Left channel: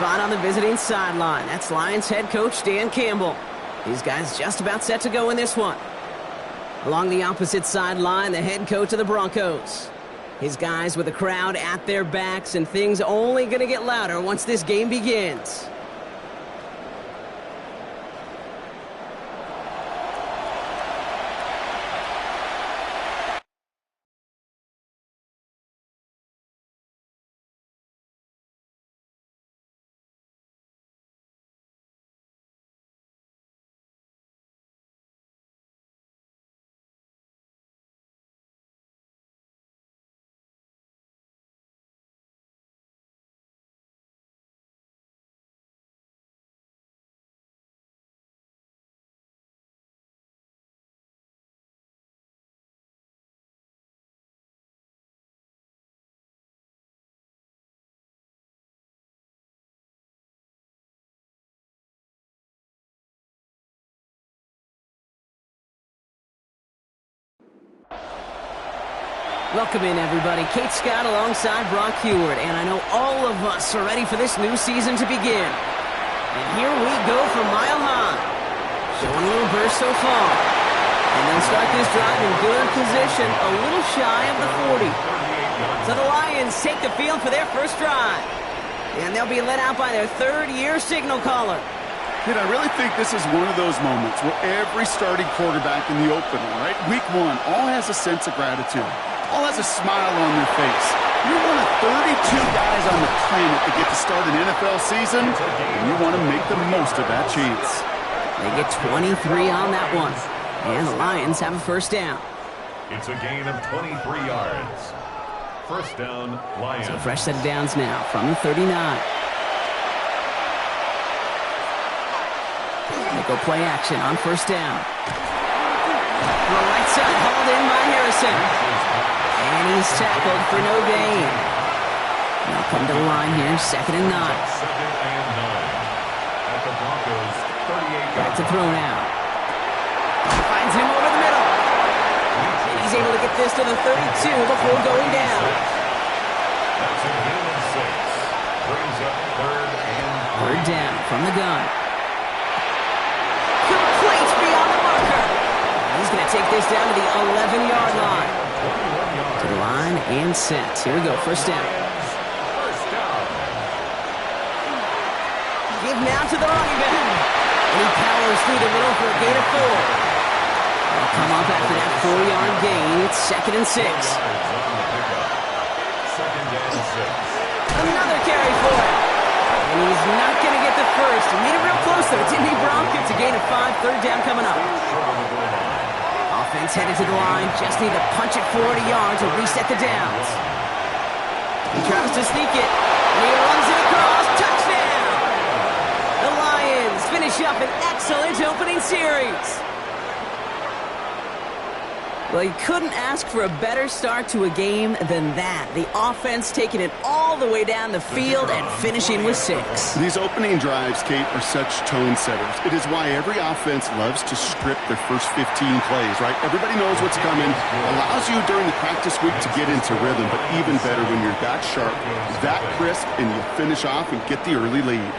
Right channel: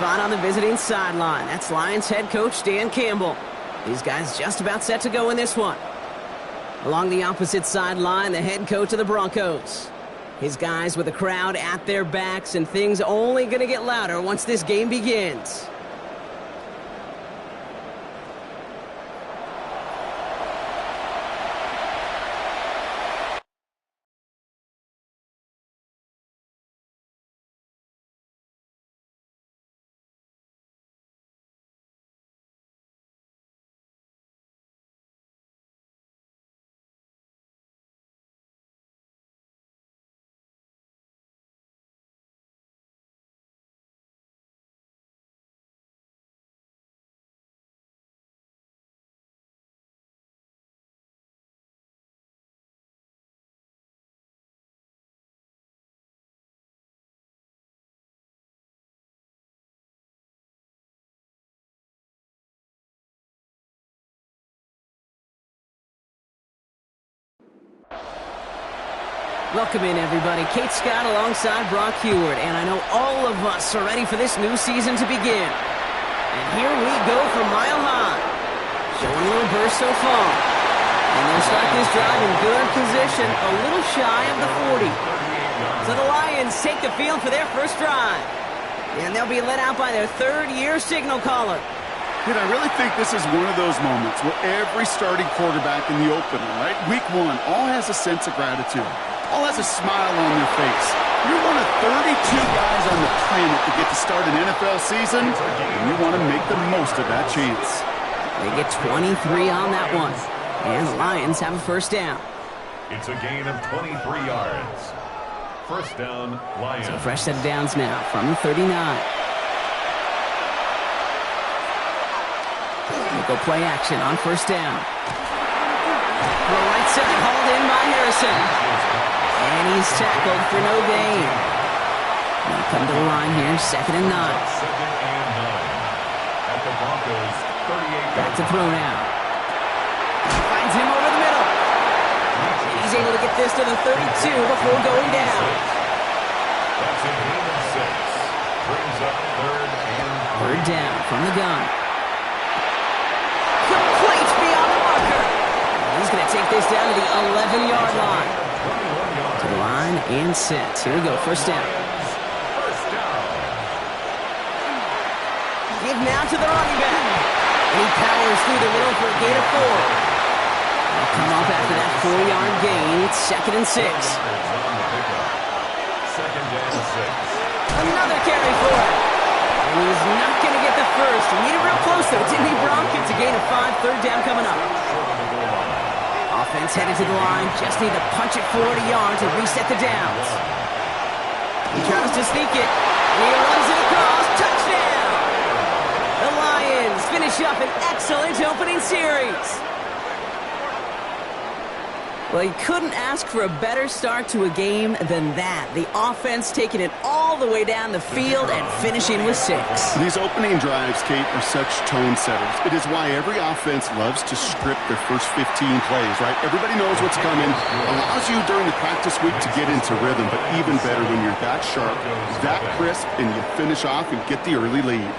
spot on the visiting sideline. That's Lions head coach Dan Campbell. These guys just about set to go in this one. Along the opposite sideline, the head coach of the Broncos. His guys with the crowd at their backs, and things only going to get louder once this game begins. Welcome in, everybody. Kate Scott alongside Brock Huard, and I know all of us are ready for this new season to begin. And here we go from Mile High. Showing a little burst so far. And they'll start this drive in good position, a little shy of the 40. So the Lions take the field for their first drive. And they'll be led out by their third-year signal caller. Kid, I really think this is one of those moments where every starting quarterback in the opener, right, week one, all has a sense of gratitude. All has a smile on their face. You're one of 32 guys on the planet that get to start an NFL season, and you want to make the most of that chance. They get 23 on that one, and the Lions have a first down. It's a gain of 23 yards. First down, Lions. So a fresh set of downs now from the 39. They go play action on first down. Throw right side, hauled in by Harrison. And he's tackled for no gain. Now come to the line here, 2nd and 9. 2nd and 9. At the Broncos, 38. Back to throw now. Finds him over the middle. And he's able to get this to the 32 before going down. That's a gain of 6. Brings up 3rd and 3. Third down from the gun. Complete beyond the marker. He's going to take this down to the 11-yard line. To the line and set. Here we go, first down. First down. Give now to the running back. And he powers through the middle for a gain of 4. They'll come up after that 4-yard gain. It's 2nd and 6. 2nd and 6. Another carry for him. And he's not going to get the first. He made it real close, though, didn't he, Bronk? It's a gain of 5, third down coming up. Offense headed to the line. Just need to punch it 40 yards and reset the downs. He tries to sneak it. And he runs it across. Touchdown! The Lions finish up an excellent opening series. Well, you couldn't ask for a better start to a game than that. The offense taking it all the way down the field and finishing with 6. These opening drives, Kate, are such tone setters. It is why every offense loves to script their first 15 plays, right? Everybody knows what's coming. Allows you during the practice week to get into rhythm, but even better when you're that sharp, that crisp, and you finish off and get the early lead.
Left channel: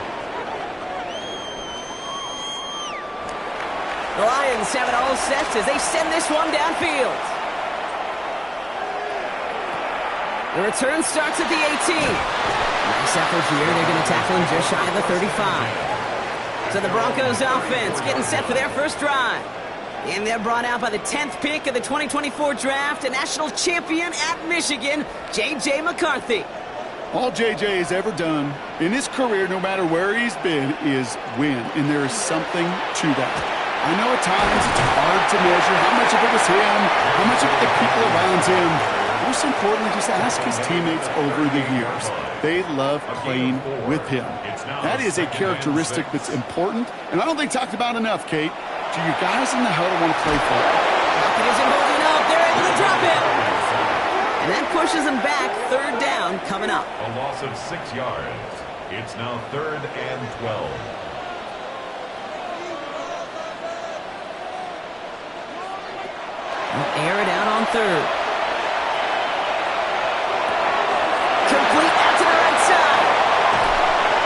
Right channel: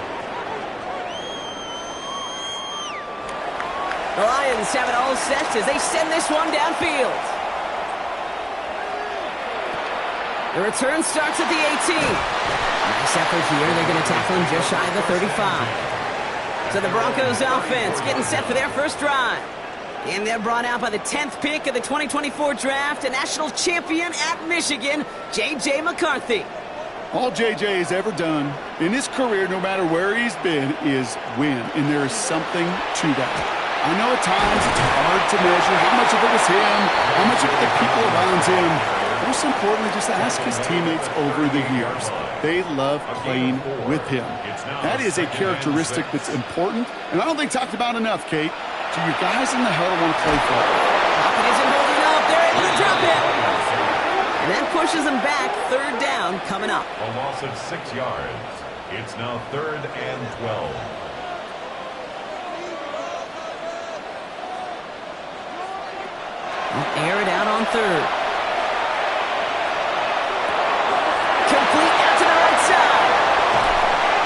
The Lions have it all set as they send this one downfield. The return starts at the 18. Nice effort here. They're going to tackle him just shy of the 35. So the Broncos offense getting set for their first drive. And they're brought out by the 10th pick of the 2024 draft, a national champion at Michigan, J.J. McCarthy. All J.J. has ever done in his career, no matter where he's been, is win. And there is something to that. I know at times it's hard to measure how much of it was him, how much of it the people around him. Most importantly, just ask his teammates over the years. They love playing with him. That is a characteristic that's important, and I don't think talked about enough, Kate. Do your guys in the huddle want to play for it? Pocket isn't holding up. They're able to drop it. And that pushes them back. Third down coming up. A loss of 6 yards. It's now 3rd and 12. They'll air it out on third. Complete out to the right side.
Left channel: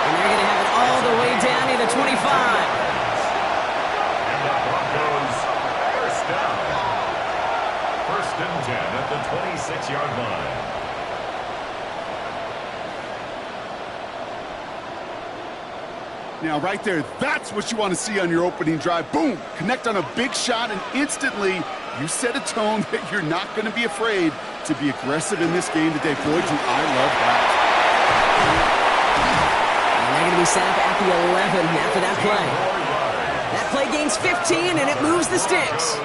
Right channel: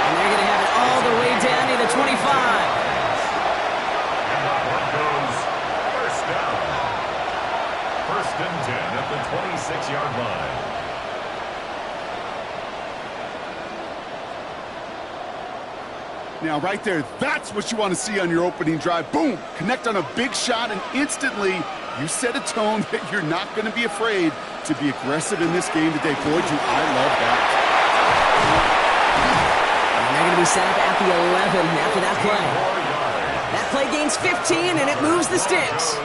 And they're going to the 25. And the Broncos first down. First and 10 at the 26-yard line. Now, right there, that's what you want to see on your opening drive. Boom! Connect on a big shot, and instantly you set a tone that you're not going to be afraid to be aggressive in this game today. Boy, do I love that. And they're going to be set up at the 11 after that play. That play gains 15, and it moves the sticks.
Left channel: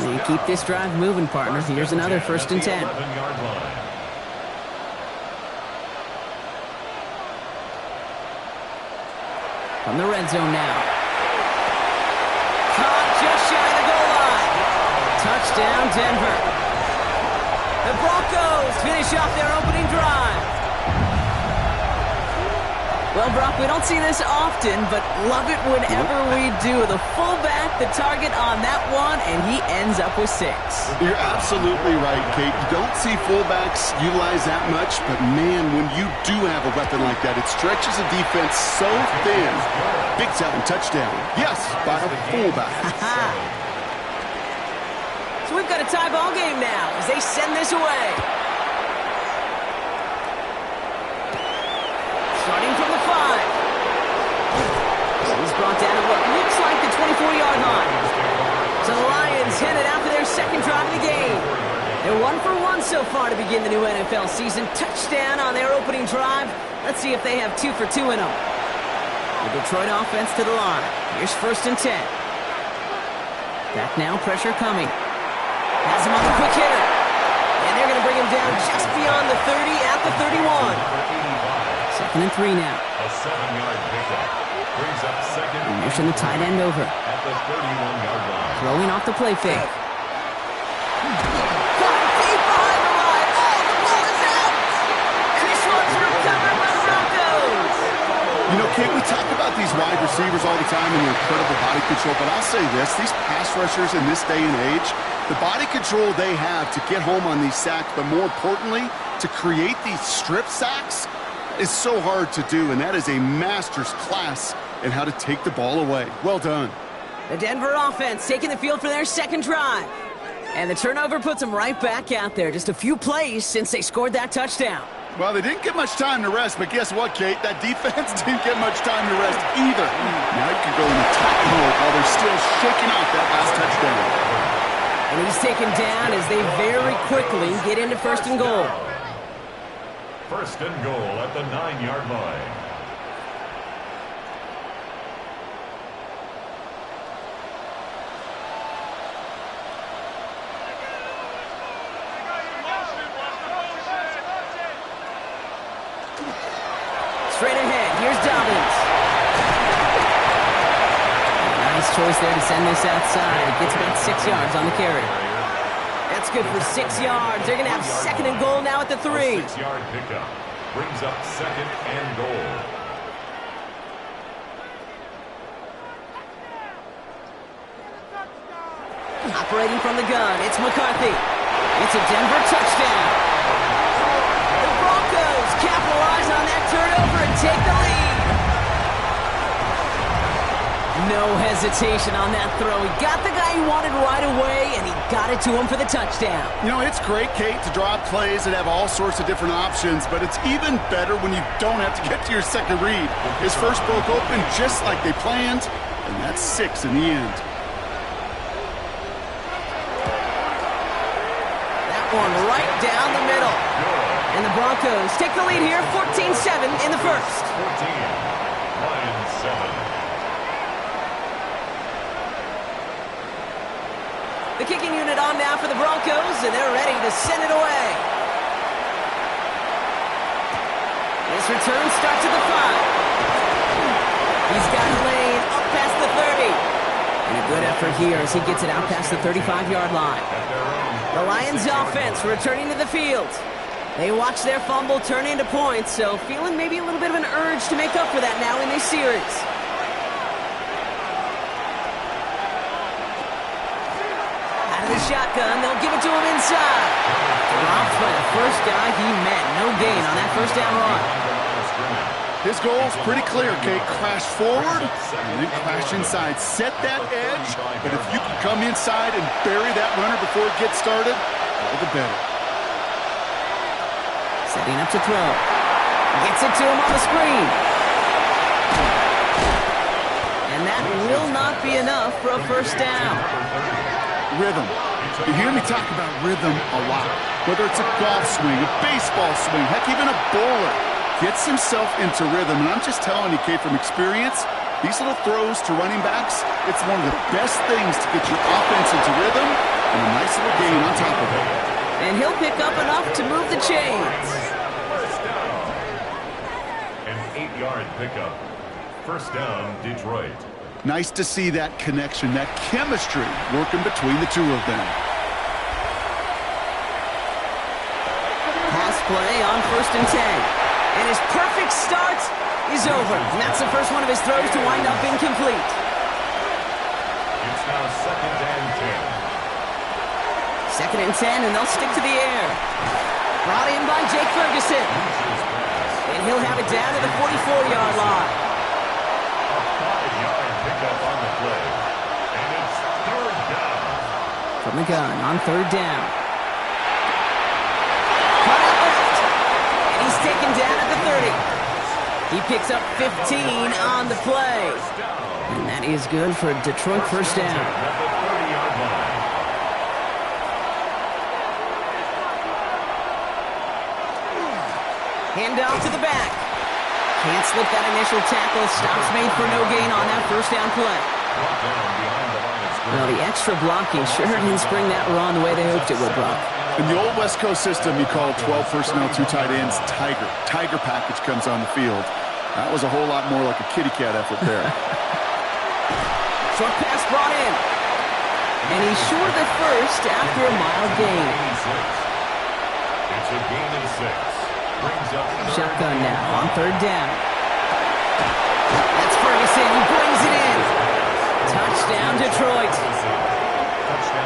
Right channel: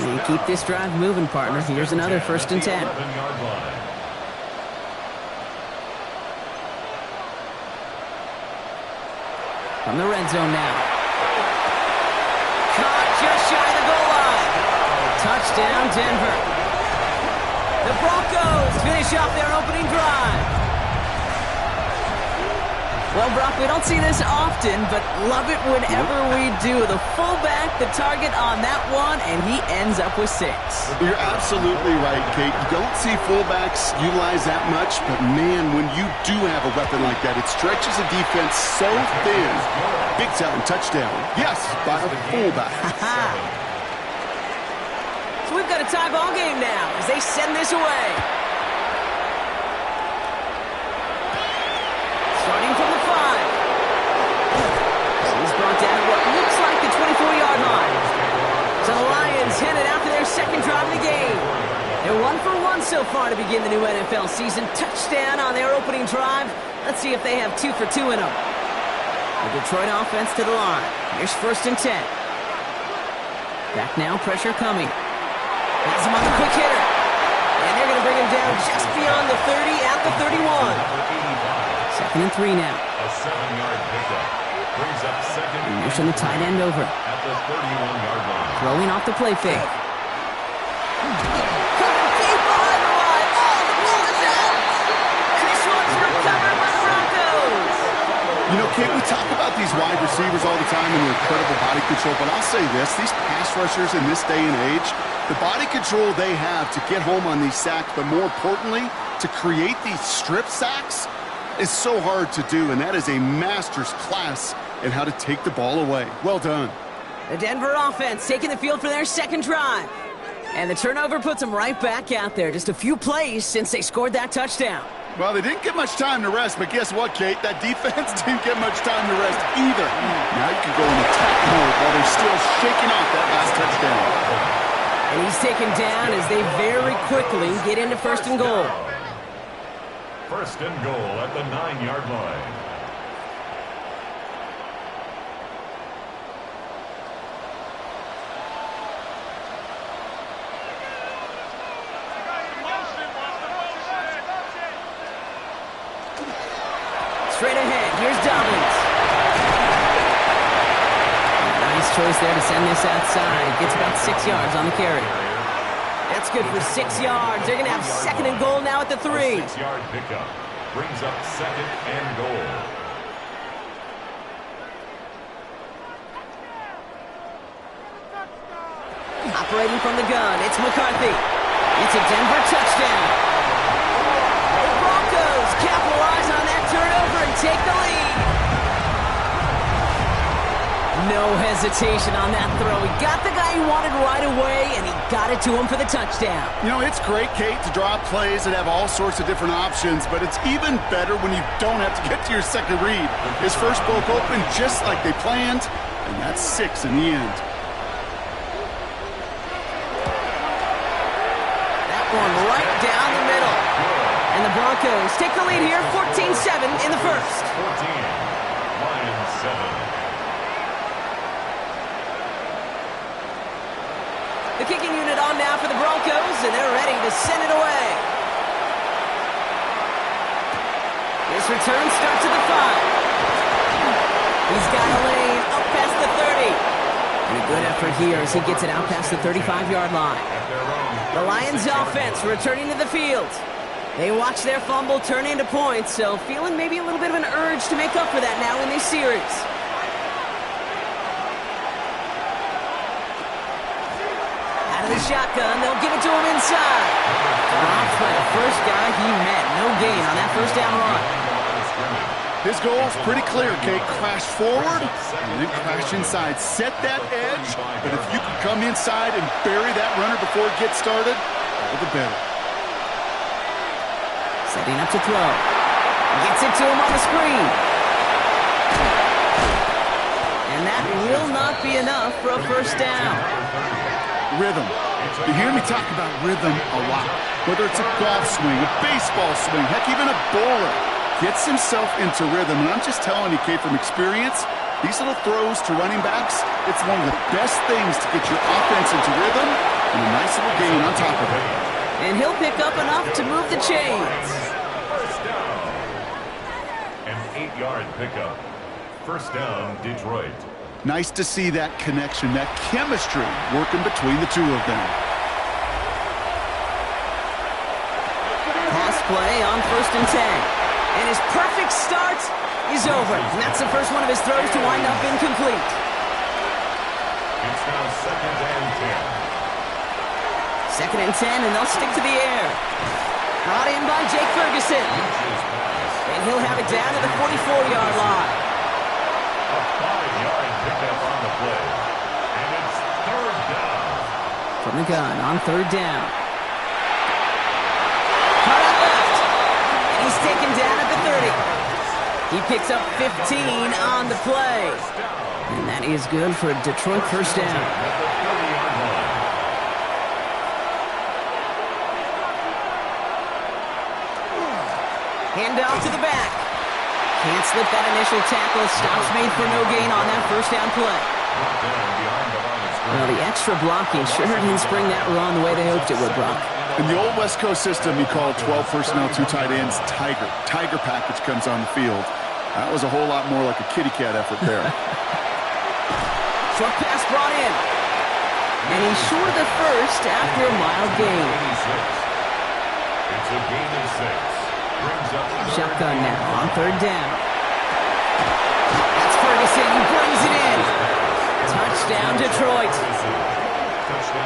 And you keep this drive moving, partner. Here's another first and 10. 11-yard line. From the red zone now. Caught just shy of the goal line. Touchdown, Denver. The Broncos finish off their opening drive. Well, Brock, we don't see this often, but love it whenever we do. The fullback, the target on that one, and he ends up with 6. You're absolutely right, Kate. You don't see fullbacks utilize that much, but man, when you do have a weapon like that, it stretches a defense so thin. Big time touchdown. Yes, by a fullback. So we've got a tie ball game now as they send this away. Starting from the 5. He's brought down at what looks like the 24-yard line. So the Lions headed out for their second drive of the game. They're 1 for 1 so far to begin the new NFL season. Touchdown on their opening drive. Let's see if they have 2 for 2 in them. The Detroit offense to the line. Here's first and 10. Back now, pressure coming. Has him on the quick hitter. And they're going to bring him down just beyond the 30 at the 31. Second and 3 now. A 7-yard pickup. Brings up second. And mission the tight end over. At the 31-yard line. Throwing off the play fake. Caught him deep behind the line. Oh, the ball is out. And this one's recovered by the Broncos. You know, Kate, we talk about these wide receivers all the time and their incredible body control, but I'll say this, these pass rushers in this day and age, the body control they have to get home on these sacks, but more importantly, to create these strip sacks, is so hard to do, and that is a master's class in how to take the ball away. Well done. The Denver offense taking the field for their second drive. And the turnover puts them right back out there. Just a few plays since they scored that touchdown. Well, they didn't get much time to rest, but guess what, Kate? That defense didn't get much time to rest either. Now you can go in attack mode while they're still shaking off that last touchdown. And he's taken down as they very quickly get into first and goal. First and goal at the 9-yard line. Straight ahead, here's Dobbins. Nice choice there to send this outside. It gets about 6 yards on the carry. That's good for 6 yards. They're going to have second and goal now at the 3. A 6-yard pickup brings up second and goal. Operating from the gun, it's McCarthy. It's a Denver touchdown. The Broncos capitalize on that turnover and take the lead. No hesitation on that throw. He got the guy he wanted right away, and he got it to him for the touchdown. You know, it's great, Kate, to draw up plays that have all sorts of different options, but it's even better when you don't have to get to your second read. His first broke open just like they planned, and that's 6 in the end. That one right down the middle. And the Broncos take the lead here, 14-7 in the first. 14, Lions 7. The kicking unit on now for the Broncos, and they're ready to send it away. This return starts at the 5. He's got a lane up past the 30. And a good effort here as he gets it out past the 35-yard line. The Lions offense returning to the field. They watch their fumble turn into points, so feeling maybe a little bit of an urge to make up for that now in this series. Out of the shotgun, they'll give it to him inside. Dropped by the first guy he met. No gain on that first down run. His goal's pretty clear, Kate. Crash forward and then crash inside. Set that edge, but if you can come inside and bury that runner before it gets started, all the better. Setting up to throw. Gets it to him on the screen. And that will not be enough for a first down. Rhythm. You hear me talk about rhythm a lot. Whether it's a golf swing, a baseball swing, heck, even a bowler gets himself into rhythm. And I'm just telling you, Kate, from experience, these little throws to running backs, it's one of the best things to get your offense into rhythm and a nice little gain on top of it. And he'll pick up enough to move the chains. First down. An 8-yard pickup. First down, Detroit. Nice to see that connection, that chemistry working between the two of them. Pass play on 1st and 10. And his perfect start is over. And that's the first one of his throws to wind up incomplete. It's now 2nd and 10. 2nd and 10, and they'll stick to the air. Brought in by Jake Ferguson. And he'll have it down to the 44-yard line. A 5-yard pickup on the play. And it's 3rd down. From the gun on 3rd down. Cut out left. And he's taken down at the 30. He picks up 15 on the play. And that is good for a Detroit first down. At the 30-yard line. Handoff to the back. Can't slip that initial tackle. Stops made for no gain on that first down play. Brought down behind the line of scrimmage. Well, the extra blocking sure didn't spring that run the way they hoped it would, Brock. In the old West Coast system, you call 12 personnel, 2 tight ends, Tiger. Tiger package comes on the field. That was a whole lot more like a kitty cat effort there. Short pass brought in. And he's short of the first after a mild gain. 86. It's a gain of 6. Brings up Shotgun now on 3rd down. That's Ferguson. He brings it in. Touchdown, Detroit.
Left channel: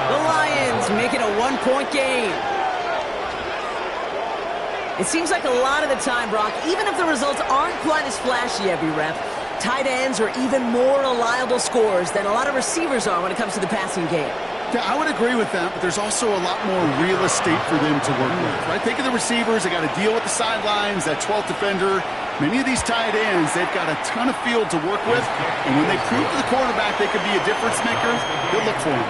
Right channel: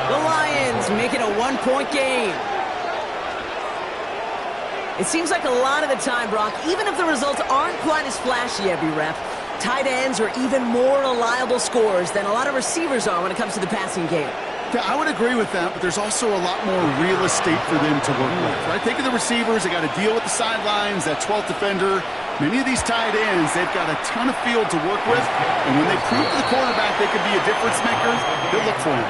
The Lions make it a 1-point game. It seems like a lot of the time, Brock, even if the results aren't quite as flashy every rep, tight ends are even more reliable scorers than a lot of receivers are when it comes to the passing game. Yeah, I would agree with that, but there's also a lot more real estate for them to work with, right? Think of the receivers. They got to deal with the sidelines, that 12th defender. Many of these tight ends, they've got a ton of field to work with, and when they prove to the quarterback they could be a difference maker, they'll look for him.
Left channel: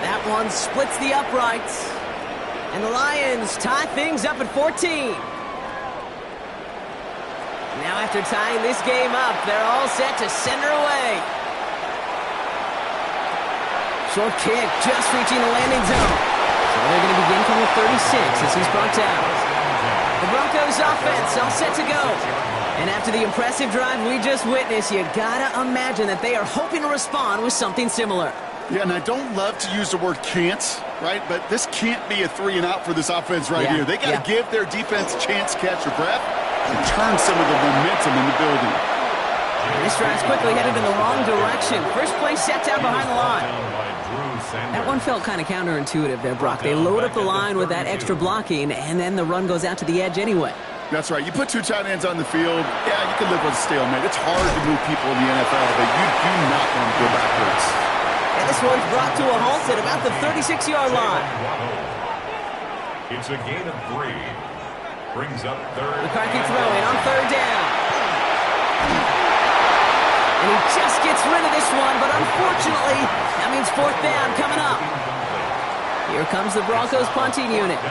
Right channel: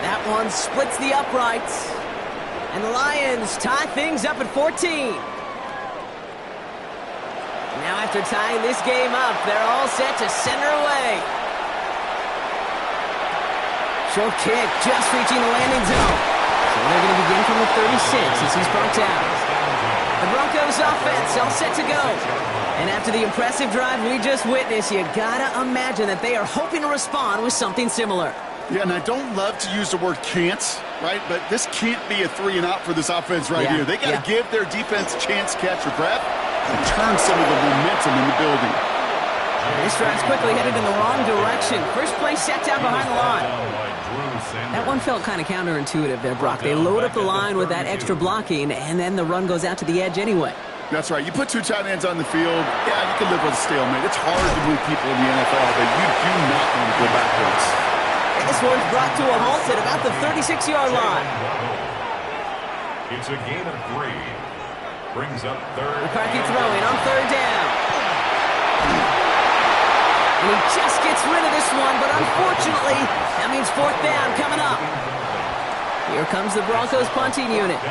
That one splits the uprights, and the Lions tie things up at 14. Now after tying this game up, they're all set to send her away. Short kick, just reaching the landing zone. So they're going to begin from the 36 as he's brought down. The Broncos offense all set to go. And after the impressive drive we just witnessed, you got to imagine that they are hoping to respond with something similar. Yeah, and I don't love to use the word can't, right? But this can't be a 3-and-out for this offense right here. They got to give their defense a chance to catch their breath and turn some of the momentum in the building. This drive's quickly headed in the wrong direction. First play set down behind the line. That one felt kind of counterintuitive there, Brock. They load up the line with that extra blocking, and then the run goes out to the edge anyway. That's right. You put 2 tight ends on the field, yeah, you can live with a stalemate. It's hard to move people in the NFL, but you do not want to go backwards. And this one's brought to a halt at about the 36-yard line. It's a gain of 3. Brings up 3rd. McCarthy throwing on 3rd down. And he just gets rid of this one, but unfortunately, that means 4th down coming up. Here comes the Broncos punting unit.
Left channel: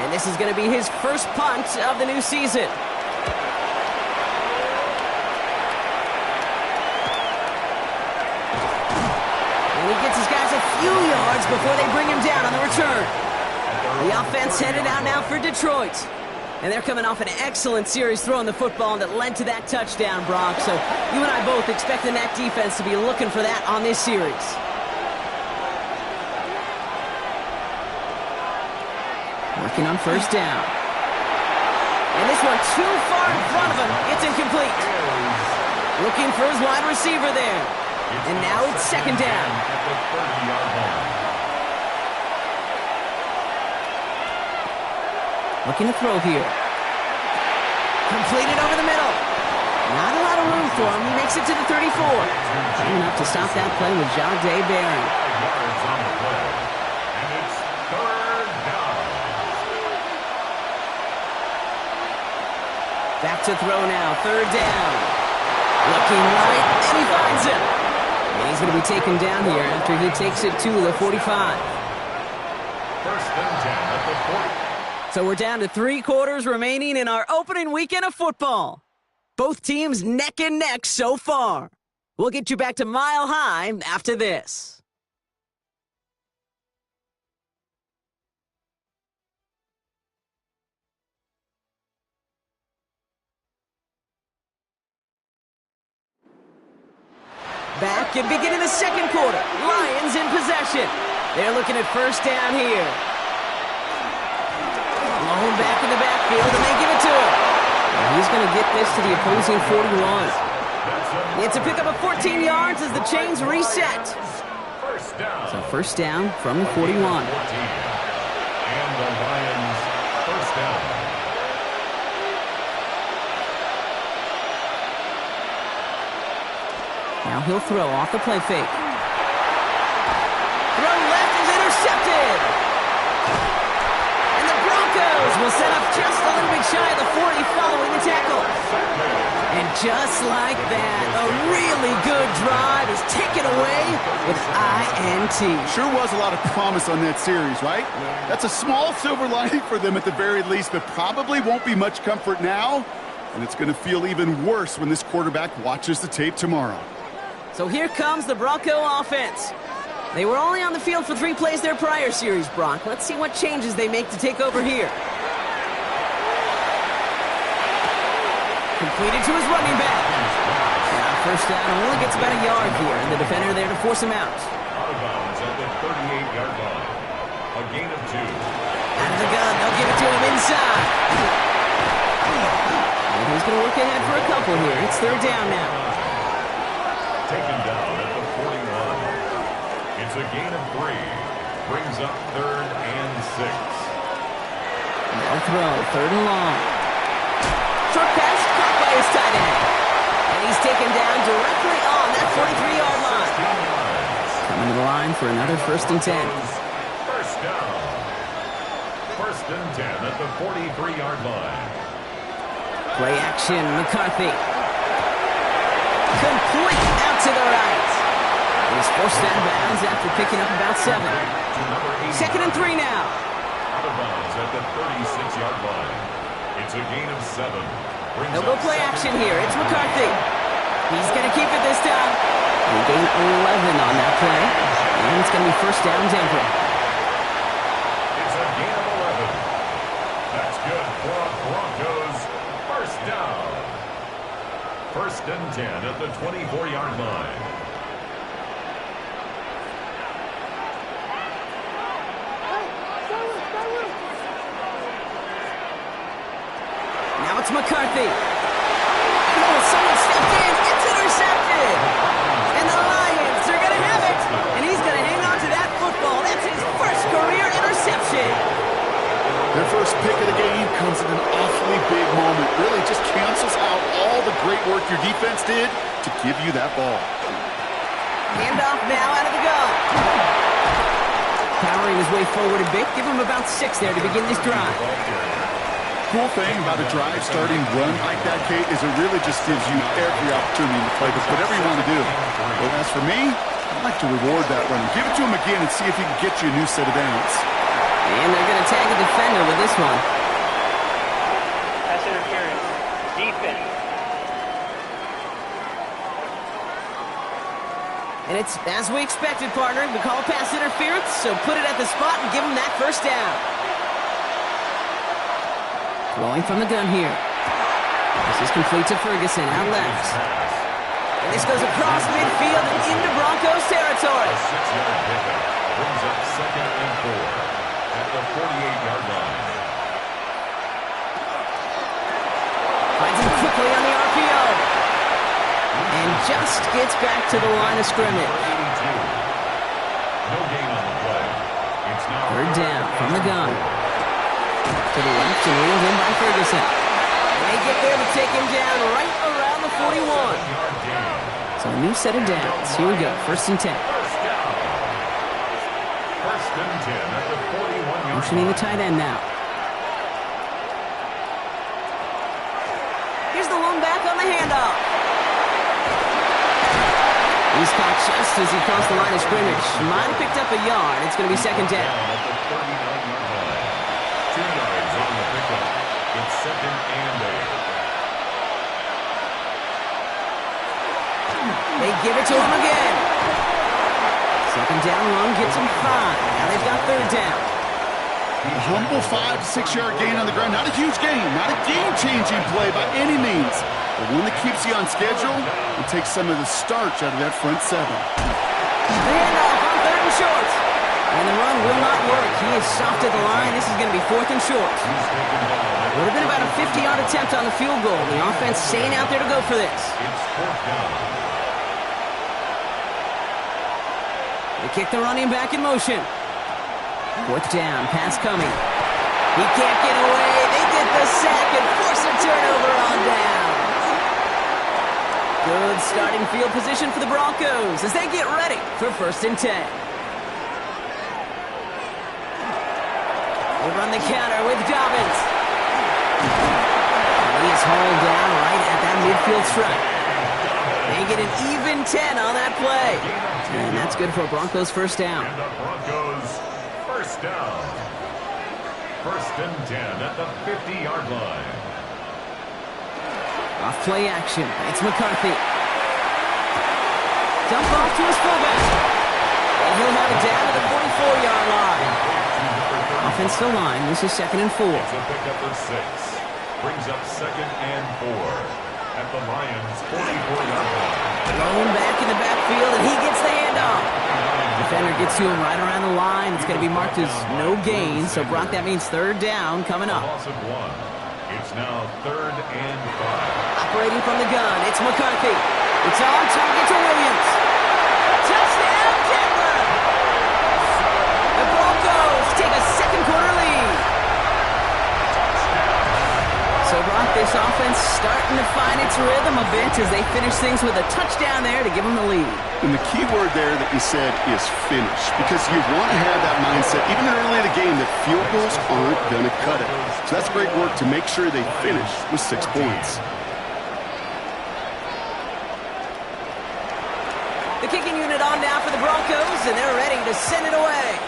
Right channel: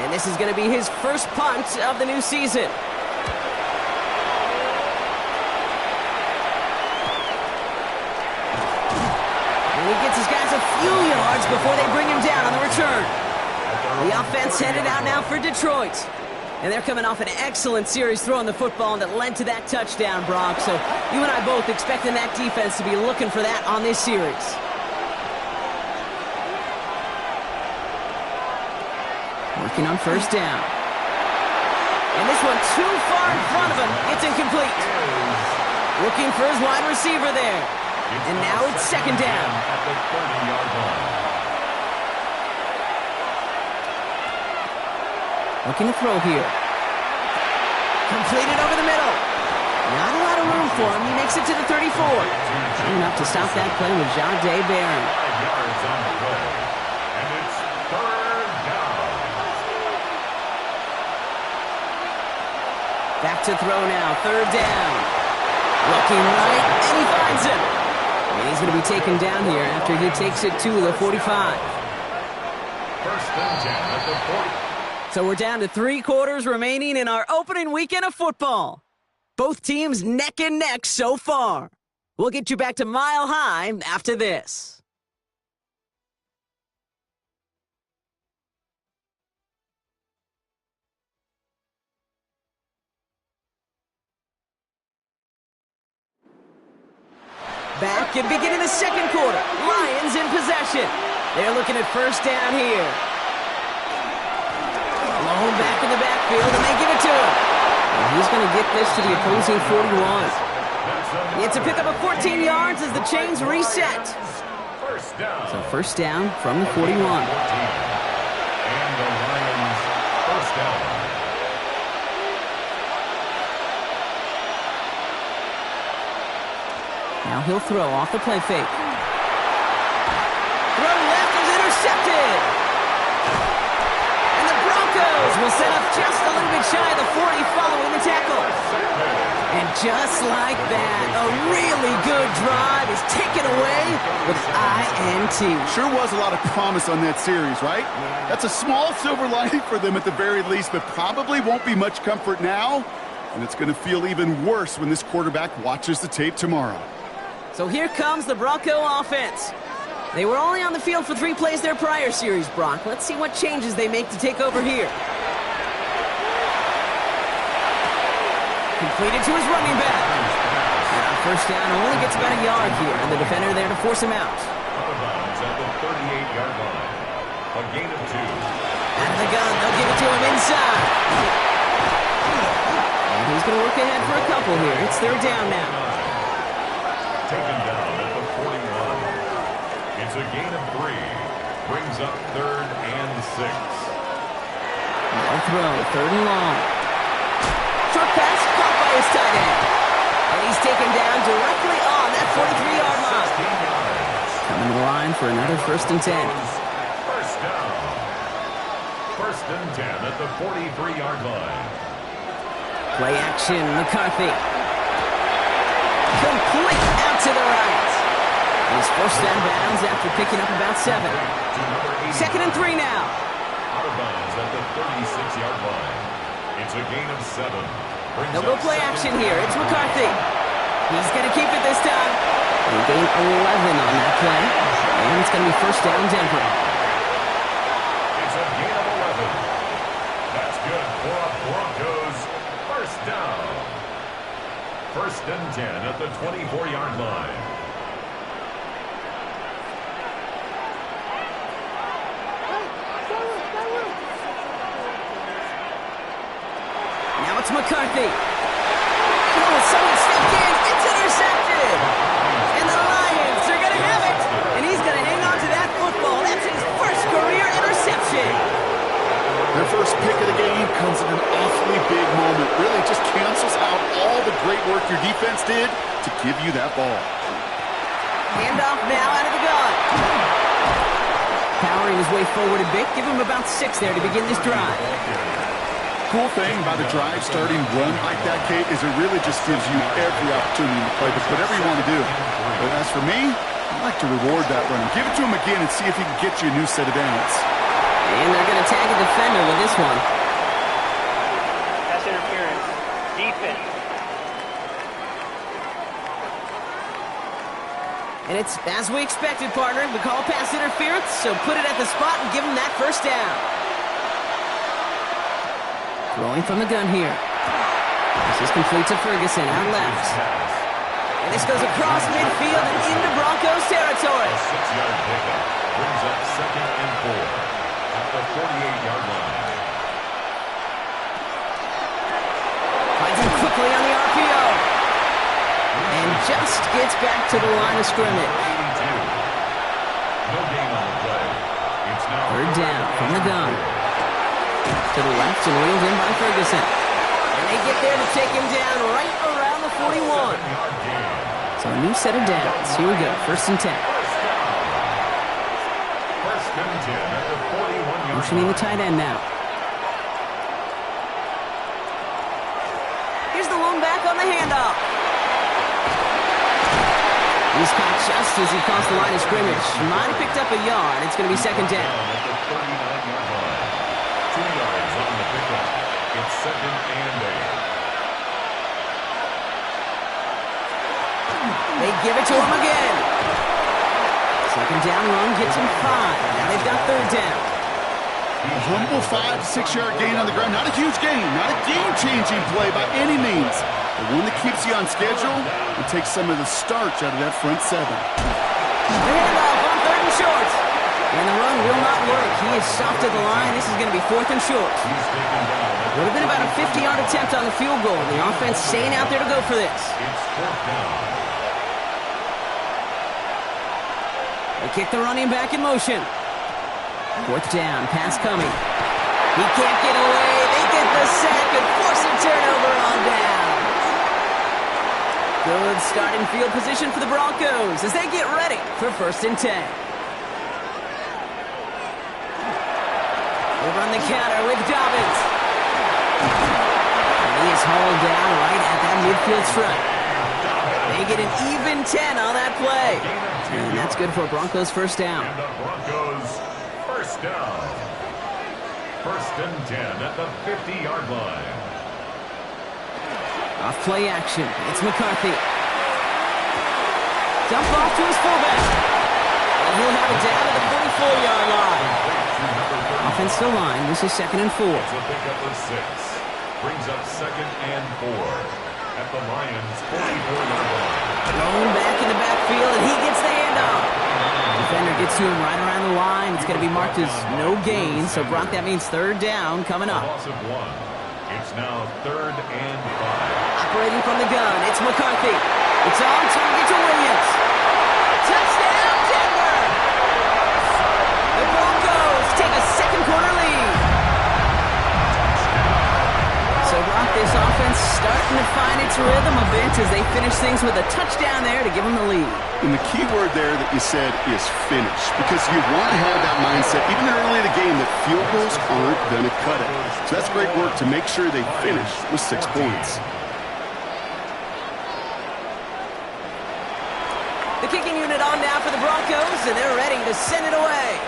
And this is going to be his first punt of the new season. And he gets his guys a few yards before they bring him down on the return. The offense headed out now for Detroit. And they're coming off an excellent series throwing the football that led to that touchdown, Brock. So you and I both expecting that defense to be looking for that on this series. Working on 1st down. And this one too far in front of him. It's incomplete. Looking for his wide receiver there. And now it's 2nd down. At the 30-yard line. Looking to throw here. Completed over the middle. Not a lot of room for him. He makes it to the 34. Good enough to stop that play with Jahdae Barron. 5 yards on the play. And it's third down. Back to throw now. Third down. Looking right, and he finds him. And he's going to be taken down here after he takes it to the 45. First and 10 at the 40. So we're down to 3 quarters remaining in our opening weekend of football. Both teams neck and neck so far. We'll get you back to Mile High after this. Back and beginning the second quarter. Lions in possession. They're looking at first down here. Lone back in the backfield, and they give it to him. And he's going to get this to the opposing 41. It's a pickup of 14 yards as the chains reset. First down. So first down from the 41. 14. And the Lions first down. Now he'll throw off the play fake. Throw left is intercepted. And the Broncos will set up just a little bit shy of the 40 following the tackle. And just like that, a really good drive is taken away with INT. Sure was a lot of promise on that series, right? Yeah. That's a small silver lining for them at the very least, but probably won't be much comfort now. And it's going to feel even worse when this quarterback watches the tape tomorrow. So here comes the Bronco offense. They were only on the field for 3 plays their prior series, Brock. Let's see what changes they make to take over here. Completed to his running back. And on first down, only gets about a yard here, and the defender there to force him out. Out of bounds at the 38-yard line. A gain of 2. Out of the gun, they'll give it to him inside. And he's going to work ahead for a couple here. It's third down now. Taken down at the 41. It's a gain of 3. Brings up third and 6. No throw, third and long. Short pass caught by his tight end. And he's taken down directly on that 43-yard line. Coming to the line for another first and 10. First down. First and 10 at the 43-yard line. Play action, McCarthy. Complete out to the right. He's forced out of bounds after picking up about 7. Second and 3 now. Out of bounds at the 36-yard line. It's a gain of 7. They'll go play action here. It's McCarthy. He's going to keep it this time. They gain 11 on that play. And it's going to be first down Denver. It's a gain of 11. That's good for a Broncos first down. First and 10 at the 24-yard line. Now it's McCarthy. Oh, someone stepped in. It's intercepted. And the Lions are going to have it. And he's going to hang on to that football. That's his first career interception. Their first pick of the game comes at an awfully big moment. Really just cancels out all the great work your defense did to give you that ball. Handoff now out of the gun. Powering his way forward a bit. Give him about 6 there to begin this drive. Cool thing about a drive starting run like that, Kate, is it really just gives you every opportunity to play whatever you want to do. But as for me, I'd like to reward that run. Give it to him again and see if he can get you a new set of downs. And they're going to tag a defender with this one. Pass interference. Defense. And it's as we expected, partner. We call pass interference, so put it at the spot and give him that first down. Throwing from the gun here. This is complete to Ferguson, out left. And this goes across midfield and into Broncos territory. A 6-yard pickup brings up second and 4 at the 48-yard line. Finds him quickly on the RPO. And just gets back to the line of scrimmage. No gain on the play. It's now third down from the gun. To the left and reeled in by Ferguson. And they get there to take him down right around the the 41. 7-yard gain. So a new set of downs. Here we go, 1st and 10. First down. 1st and 10 at the 41-yard Motioning the line. tight end now. Here's the lone back on the handoff. He's caught just as he crossed the line of scrimmage. Might have picked up a yard. It's going to be 2nd down. At the 39-yard line. 2 yards on the pickup. It's 2nd and 8. They give it to him again. 2nd down run gets him 5. Now they've got 3rd down. A humble 5 to 6 yard gain on the ground. Not a huge gain, not a game-changing play by any means, but one that keeps you on schedule and takes some of the starch out of that front 7. The handoff on 3rd and short. And the run will not work. He is stopped at the line. This is going to be 4th and short. He's taken down. Would have been about a 50-yard attempt on the field goal. The offense staying out there to go for this. It's 4th down. They kick the running back in motion. 4th down, pass coming. He can't get away. They get the sack and force a turnover on down. Good starting field position for the Broncos as they get ready for 1st and 10. They run the counter with Dobbins. And he is hauled down right at that midfield stripe. They get an even 10 on that play. And that's good for a Broncos 1st down. And the Broncos 1st down. 1st and 10 at the 50-yard line. Off play action. It's McCarthy. Dump off to his fullback. And he'll have it down to the 44-yard line. Offensive line. This is 2nd and 4. It's a pickup of 6. Brings up 2nd and 4 at the Lions' 44-yard line. Thrown back in the backfield, and he gets the handoff. Defender gets to him right around the line. It's going to be marked as no gain. So, Brock, that means 3rd down coming A up. loss of 1. It's now 3rd and 5. Operating from the gun, it's McCarthy. It's on target to Williams. Touchdown, Denver! The Broncos take a 2nd quarter lead. So, Brock, this offense starting to find its rhythm a bit as they finish things with a touchdown there to give them the lead. And the key word there that you said is finish, because you want to have that mindset, even early in the game, that field goals aren't going to cut it. So that's great work to make sure they finish with 6 points. The kicking unit on now for the Broncos, and they're ready to send it away.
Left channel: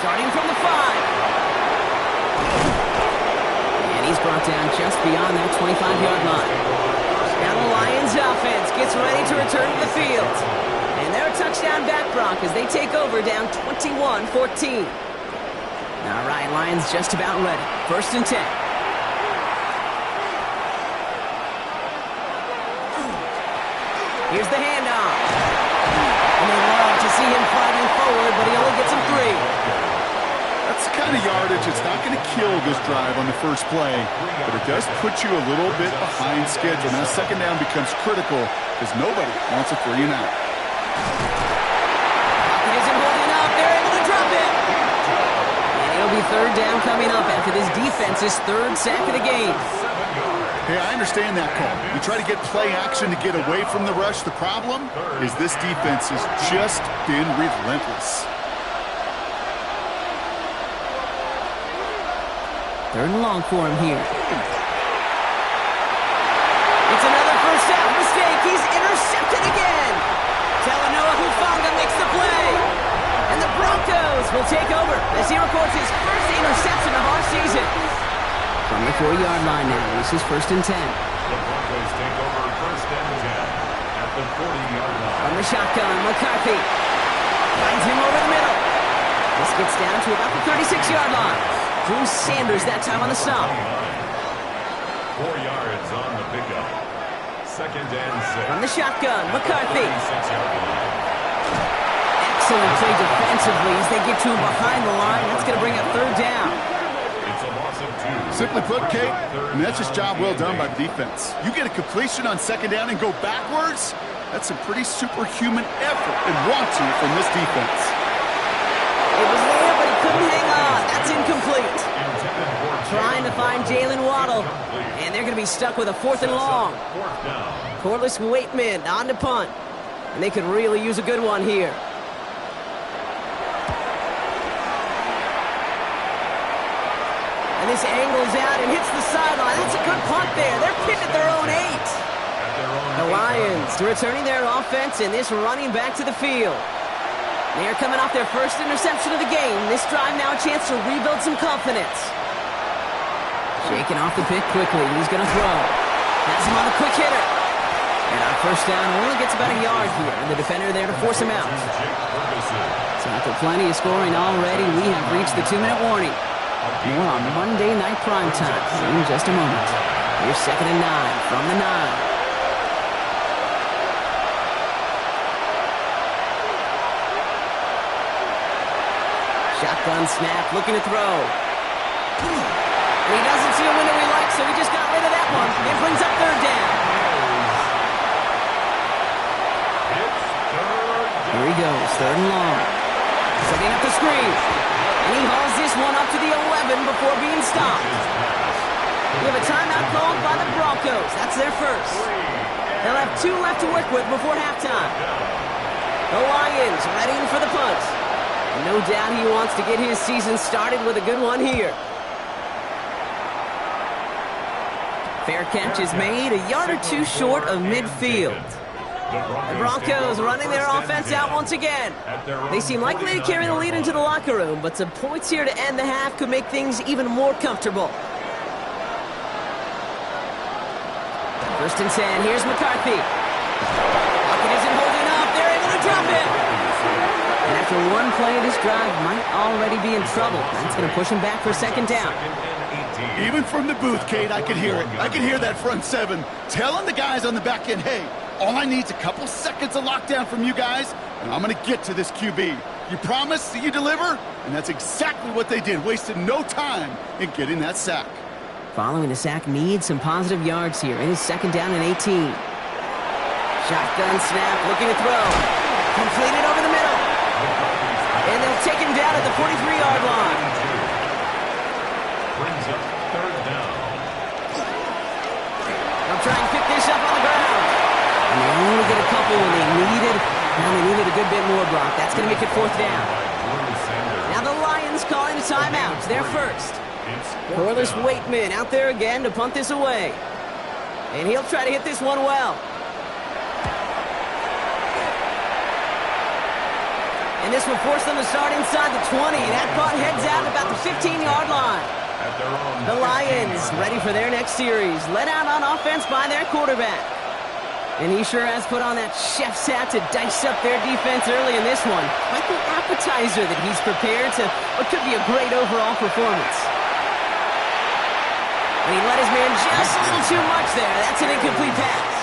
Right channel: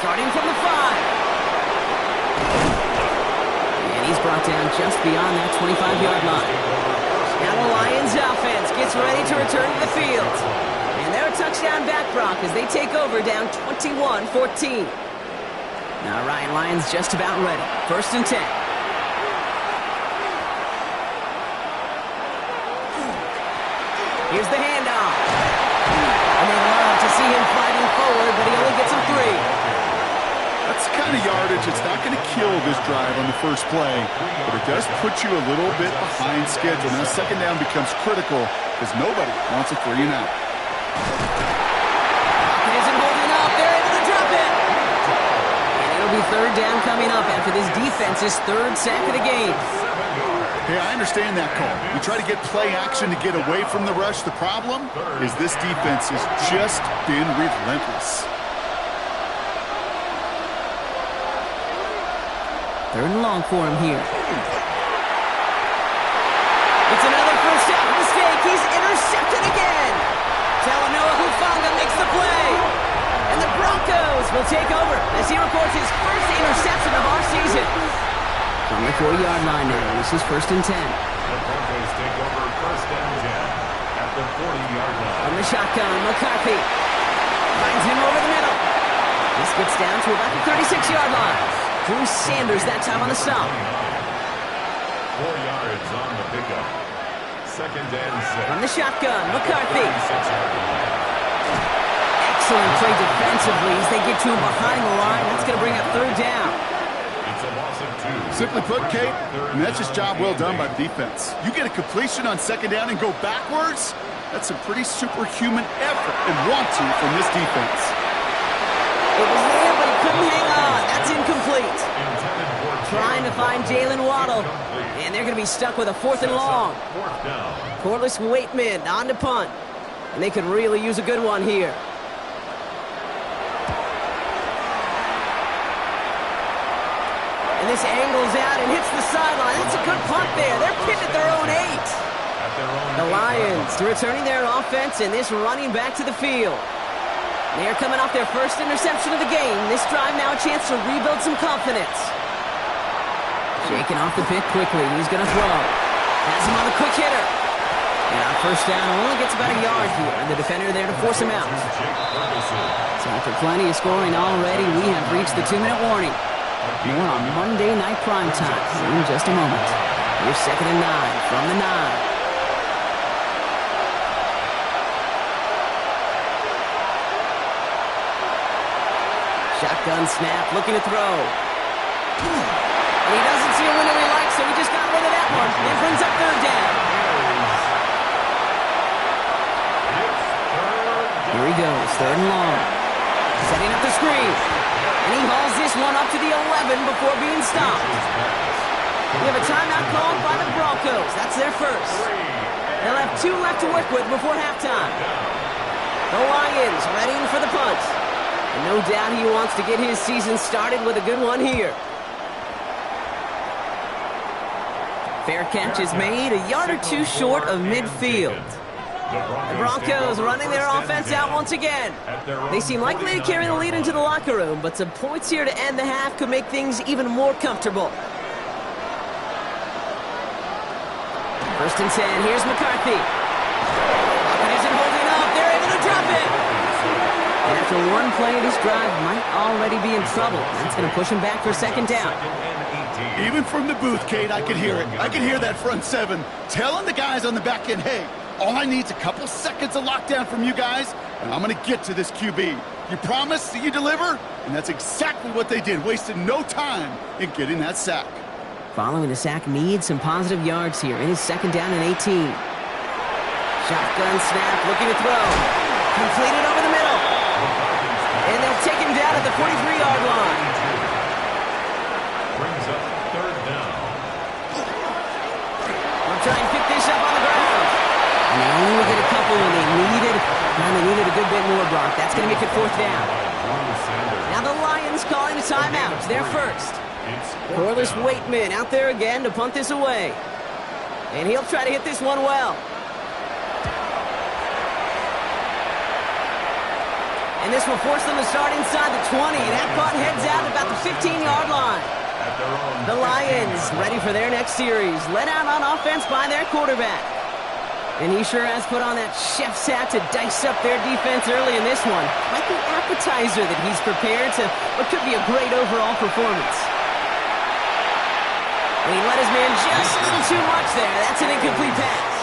Starting from the 5. And he's brought down just beyond that 25-yard line. Now the Lions offense gets ready to return to the field. And they're a touchdown back, Brock, as they take over down 21-14. Now Ryan Lyons just about ready. 1st and 10. Here's the handoff. And they love to see him fighting forward, but he only gets him 3. That's the kind of yardage that's not going to kill this drive on the first play, but it does put you a little bit behind schedule. Now 2nd down becomes critical because nobody wants a 3 and out. Pocket isn't holding up. They're able to drop it. And it'll be 3rd down coming up after this defense's 3rd sack of the game. Hey, I understand that call. You try to get play action to get away from the rush. The problem is this defense has just been relentless. 3rd and long for him here. It's another first half mistake. He's intercepted again. Talanoa Hufanga makes the play. And the Broncos will take over as he records his first interception of our season. From the 4-yard line now, this is 1st and 10. The Broncos take over 1st and 10 at the 40-yard line. From the shotgun, McCarthy finds him over the middle. This gets down to about the 36-yard line. Drew Sanders that time on the stop. 4 yards on the pickup. 2nd and 6. From the shotgun, McCarthy. 36-yard line. Excellent play defensively as they get to him behind the line. That's going to bring up 3rd down. It's a loss of 2. Simply put, Kate, and that's just job well done by the defense. You get a completion on 2nd down and go backwards, that's a pretty superhuman effort and want to from this defense. It was there, but he couldn't hang on. That's incomplete. Trying to find Jalen Waddle. And they're going to be stuck with a 4th and long. Corliss Waitman on to punt. And they could really use a good one here. And this angles out and hits the sideline. That's a good punt there. They're pinned at their own 8. The Lions returning their offense and this running back to the field. They are coming off their first interception of the game. This drive now a chance to rebuild some confidence. Shaking off the pick quickly. He's going to throw. Has him on the quick hitter. And on first down, only gets about a yard here. And the defender there to force him out. So after plenty of scoring already, we have reached the 2-minute warning. More on Monday Night Primetime in just a moment. Here's 2nd and 9 from the 9. Shotgun snap, looking to throw. And he doesn't see a window he likes, so he just got rid of that one. It brings up 3rd down. Here he goes, 3rd and long. Setting up the screen. And he hauls this one up to the 11 before being stopped. We have a timeout called by the Broncos. That's their first. They'll have 2 left to work with before halftime. The Lions readying for the punt. And no doubt he wants to get his season started with a good one here. Fair catch is made, a yard or 2 short of midfield. The Broncos running their offense out once again. They seem likely to carry the lead into the locker room, but some points here to end the half could make things even more comfortable. 1st and 10, here's McCarthy. Pocket isn't holding up, they're able to drop it. And after one play, this drive might already be in trouble. That's going to push him back for 2nd down. Even from the booth, Kate, I could hear it. I could hear that front 7 telling the guys on the back end, hey, all I need is a couple seconds of lockdown from you guys, and I'm going to get to this QB. You promise that you deliver? And that's exactly what they did, wasted no time in getting that sack. Following the sack needs some positive yards here. It is 2nd down and 18. Shotgun snap, looking to throw. Completed over the middle. And they'll take him down at the 43-yard line. Brings up 3rd down. They'll try and pick this up on the ground. And they only get a couple when they needed a good bit more, Brock. That's going to make it 4th down. Now the Lions calling a timeout. Their first. Corliss Waitman out there again to punt this away. And he'll try to hit this one well. And this will force them to start inside the 20. That punt heads out at about the 15-yard line. The Lions ready for their next series. Let out on offense by their quarterback. And he sure has put on that chef's hat to dice up their defense early in this one. Quite the appetizer that he's prepared to what could be a great overall performance. And he let his man just a little too much there. That's an incomplete pass.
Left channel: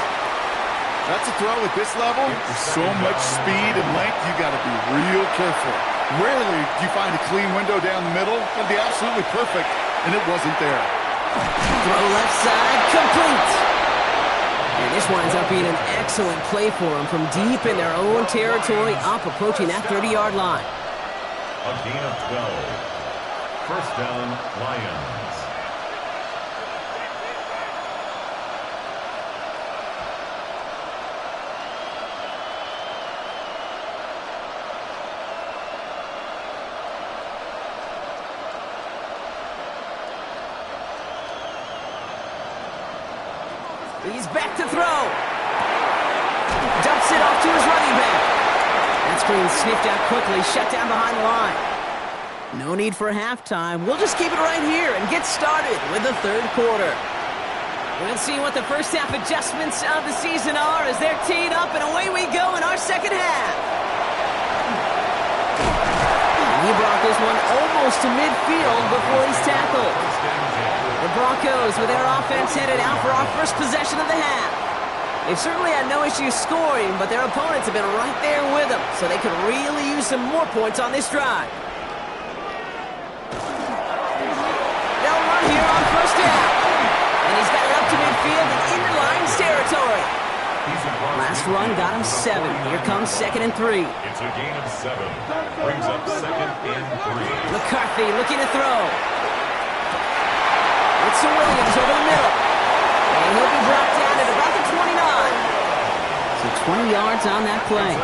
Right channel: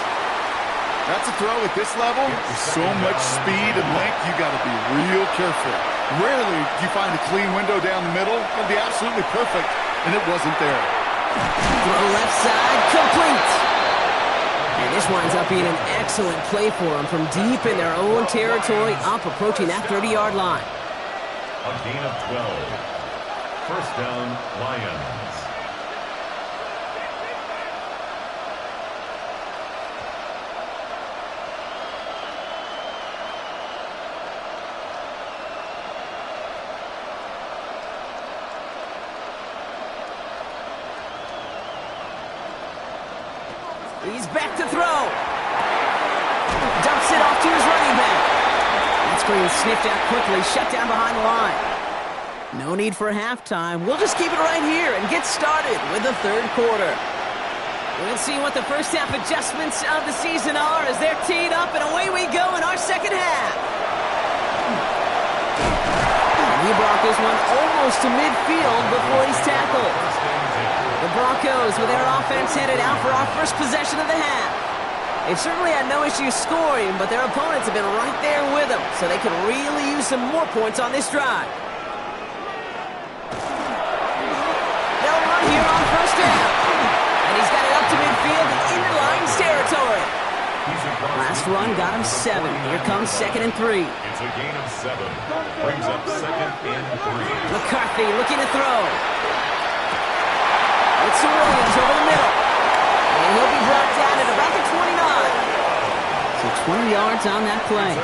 That's a throw at this level. With so much speed and length, you got to be real careful. Rarely do you find a clean window down the middle. It'll be absolutely perfect, and it wasn't there. Throw left side, complete. And this winds up being an excellent play for them from deep in their own territory, up approaching that 30-yard line. A gain of 12. 1st down, Lions. He's back to throw. Dumps it off to his running back. That screen sniffed out quickly, shut down behind the line. No need for halftime. We'll just keep it right here and get started with the 3rd quarter. We'll see what the first half adjustments of the season are as they're teed up, and away we go in our 2nd half. And he brought this one almost to midfield before he's tackled. The Broncos with their offense headed out for our first possession of the half. They've certainly had no issues scoring, but their opponents have been right there with them, so they could really use some more points on this drive. They'll run here on 1st down. And he's got it up to midfield and into Lions territory. Last run got him 7. Here comes 2nd and 3. It's a gain of 7. Brings up 2nd and 3. McCarthy looking to throw. It's to Williams over the middle. And he'll be brought down at about the 29. So 20 yards on that play.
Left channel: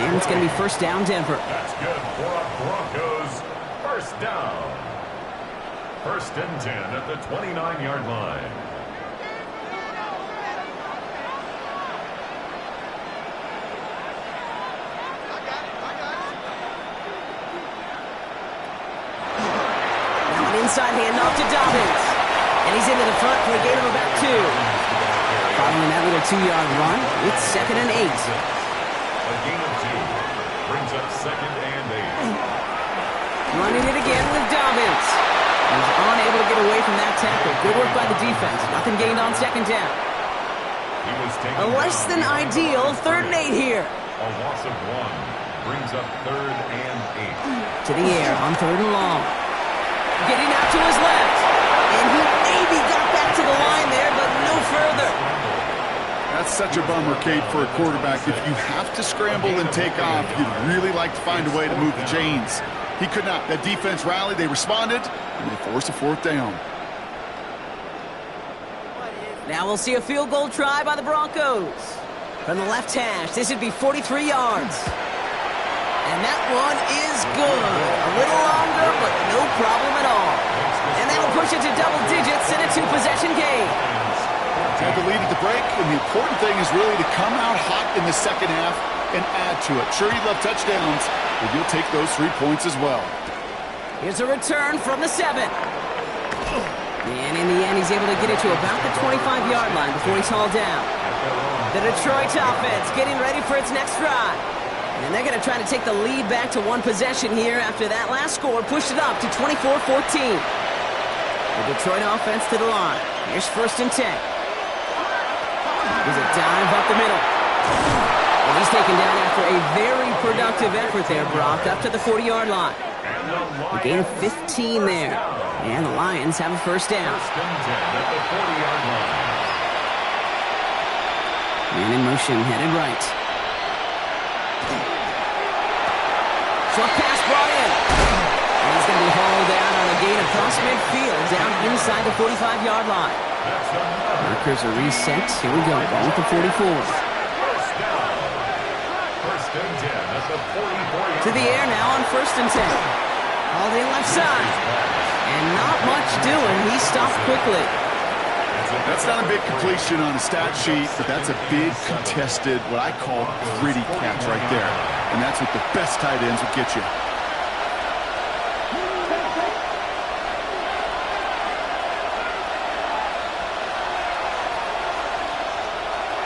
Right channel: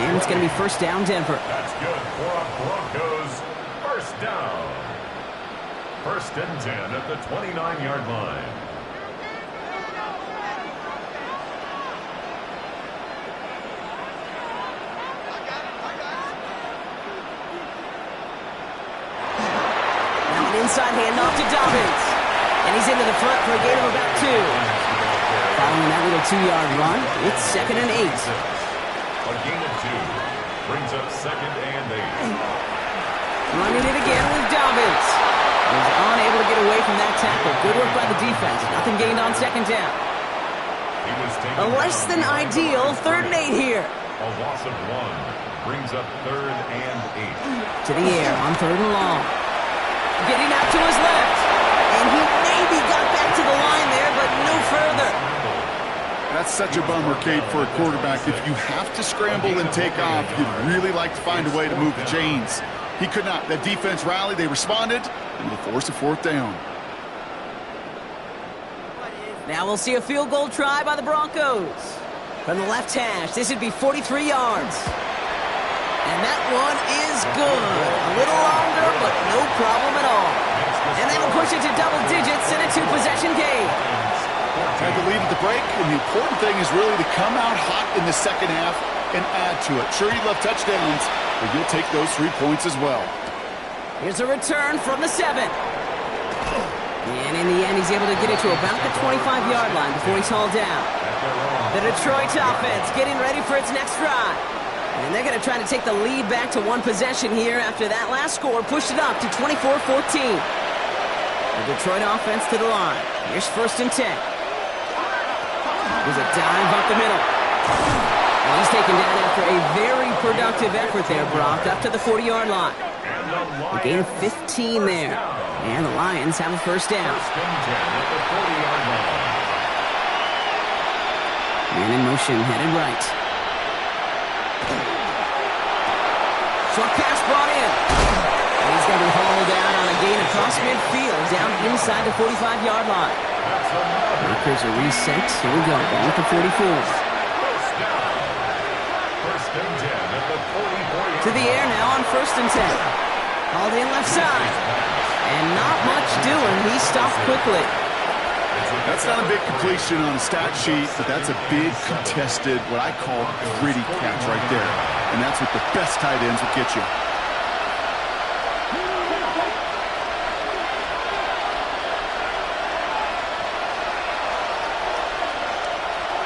And it's going to be first down, Denver. That's good for a Broncos first down. 1st and 10 at the 29-yard line. Now an inside handoff to Dobbins. And he's into the front for a gain of about 2. Following that little 2-yard run, it's 2nd and 8. A gain of 2. Brings up 2nd and 8. Running it again with Dobbins. He's unable to get away from that tackle. Good work by the defense. Nothing gained on 2nd down. He was taken A less than ideal 3rd and 8 here. A loss of 1. Brings up 3rd and 8. To the air on 3rd and long. Getting out to his left. And he maybe got back to the line there, but no further. That's such a bummer, Kate, for a quarterback. If you have to scramble and take off, you'd really like to find a way to move the chains. He could not. That defense rallied, they responded, and they forced a 4th down. Now we'll see a field goal try by the Broncos. From the left hash, this would be 43 yards. And that one is good. A little longer, but no problem at all. And that'll push it to double digits in a 2-possession game. Had the lead at the break, and the important thing is really to come out hot in the 2nd half and add to it. Sure, you love touchdowns, but you'll take those 3 points as well. Here's a return from the 7. And in the end, he's able to get it to about the 25-yard line before he's hauled down. The Detroit offense getting ready for its next drive. And they're going to try to take the lead back to 1 possession here after that last score pushed it up to 24-14. The Detroit offense to the line. Here's 1st and 10. Here's a dive up the middle. And he's taken down after a very productive effort there, Brock, up to the 40-yard line. A gain of 15 there. And the Lions have a first down. 1st and 10 at the 40-yard line. Man in motion, headed right. Short pass brought in. And he's going to be hauled out on a gain across midfield, down inside the 45-yard line. Markers are reset. Here we go. Ball at the 44. First down. 1st and 10 at the 44-yard line. To the air now on 1st and 10. Hauled in left side. And not much doing. He stopped quickly. That's not a big completion on a stat sheet, but that's a big contested, what I call gritty catch right there. And that's what the best tight ends will get you.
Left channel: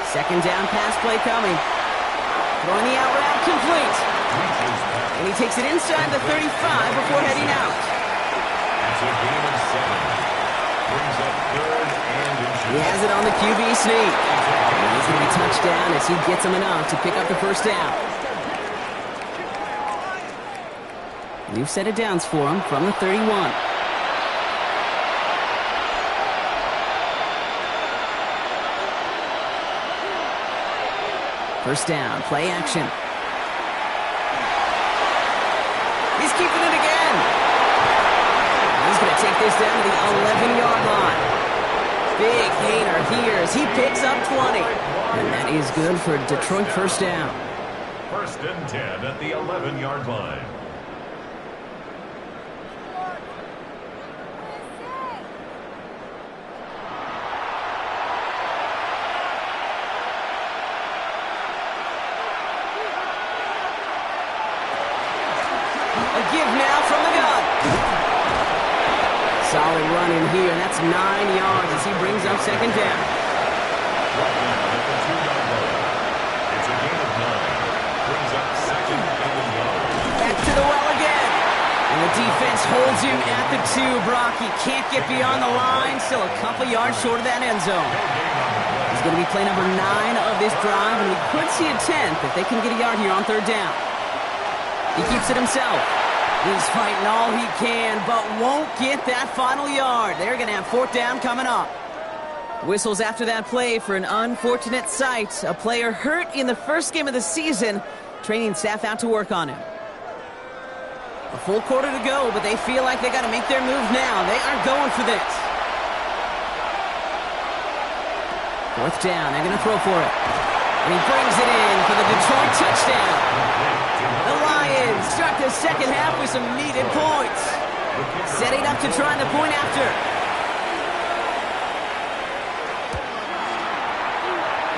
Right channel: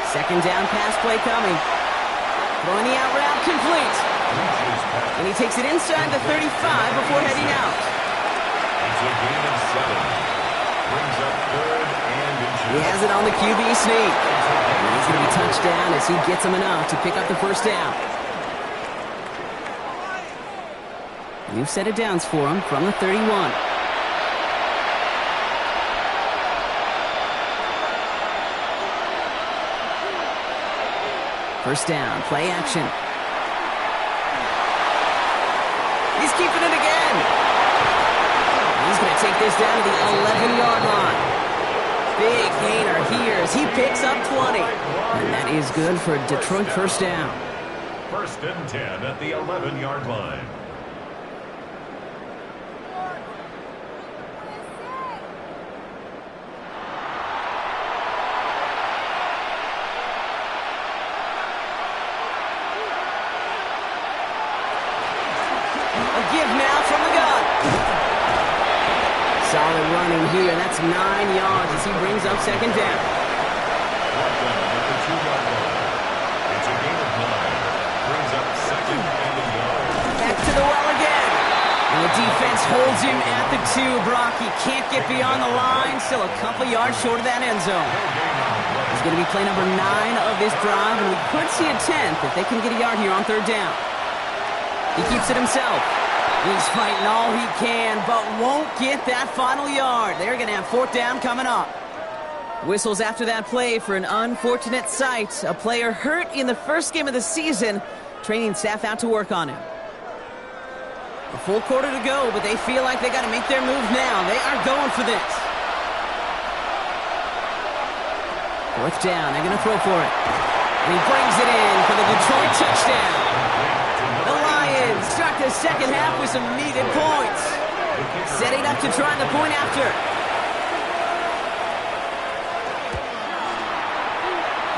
Second down pass play coming. Throwing the out route complete. And he takes it inside the 35 before heading out. It's a gain of 7. Brings up 3rd and inches. He has it on the QB sneak. And he's going to be touched down as he gets him enough to pick up the first down. New set of downs for him from the 31. First down, play action. He's keeping it again. He's going to take this down to the 11-yard line. Big gainer here as he picks up 20. And that is good for a Detroit first down. 1st and 10 at the 11-yard line. A give now from the gun. Solid running here, and that's 9 yards as he brings up second down. Brought down at the 2-yard line. It's a gain of 9. Brings up 2nd and a yard. Back to the well again. And the defense holds him at the 2. Brock, he can't get beyond the line. Still a couple yards short of that end zone. No gain on the play. It's going to be play number 9 of this drive, and we could see a 10th if they can get a yard here on 3rd down. He keeps it himself. He's fighting all he can, but won't get that final yard. They're going to have 4th down coming up. Whistles after that play for an unfortunate sight. A player hurt in the first game of the season. Training staff out to work on him. A full quarter to go, but they feel like they got to make their move now. They are going for this. Fourth down, they're going to throw for it. And he brings it in for the Detroit touchdown. The Lions start the second half with some needed points. Setting up to try the point after.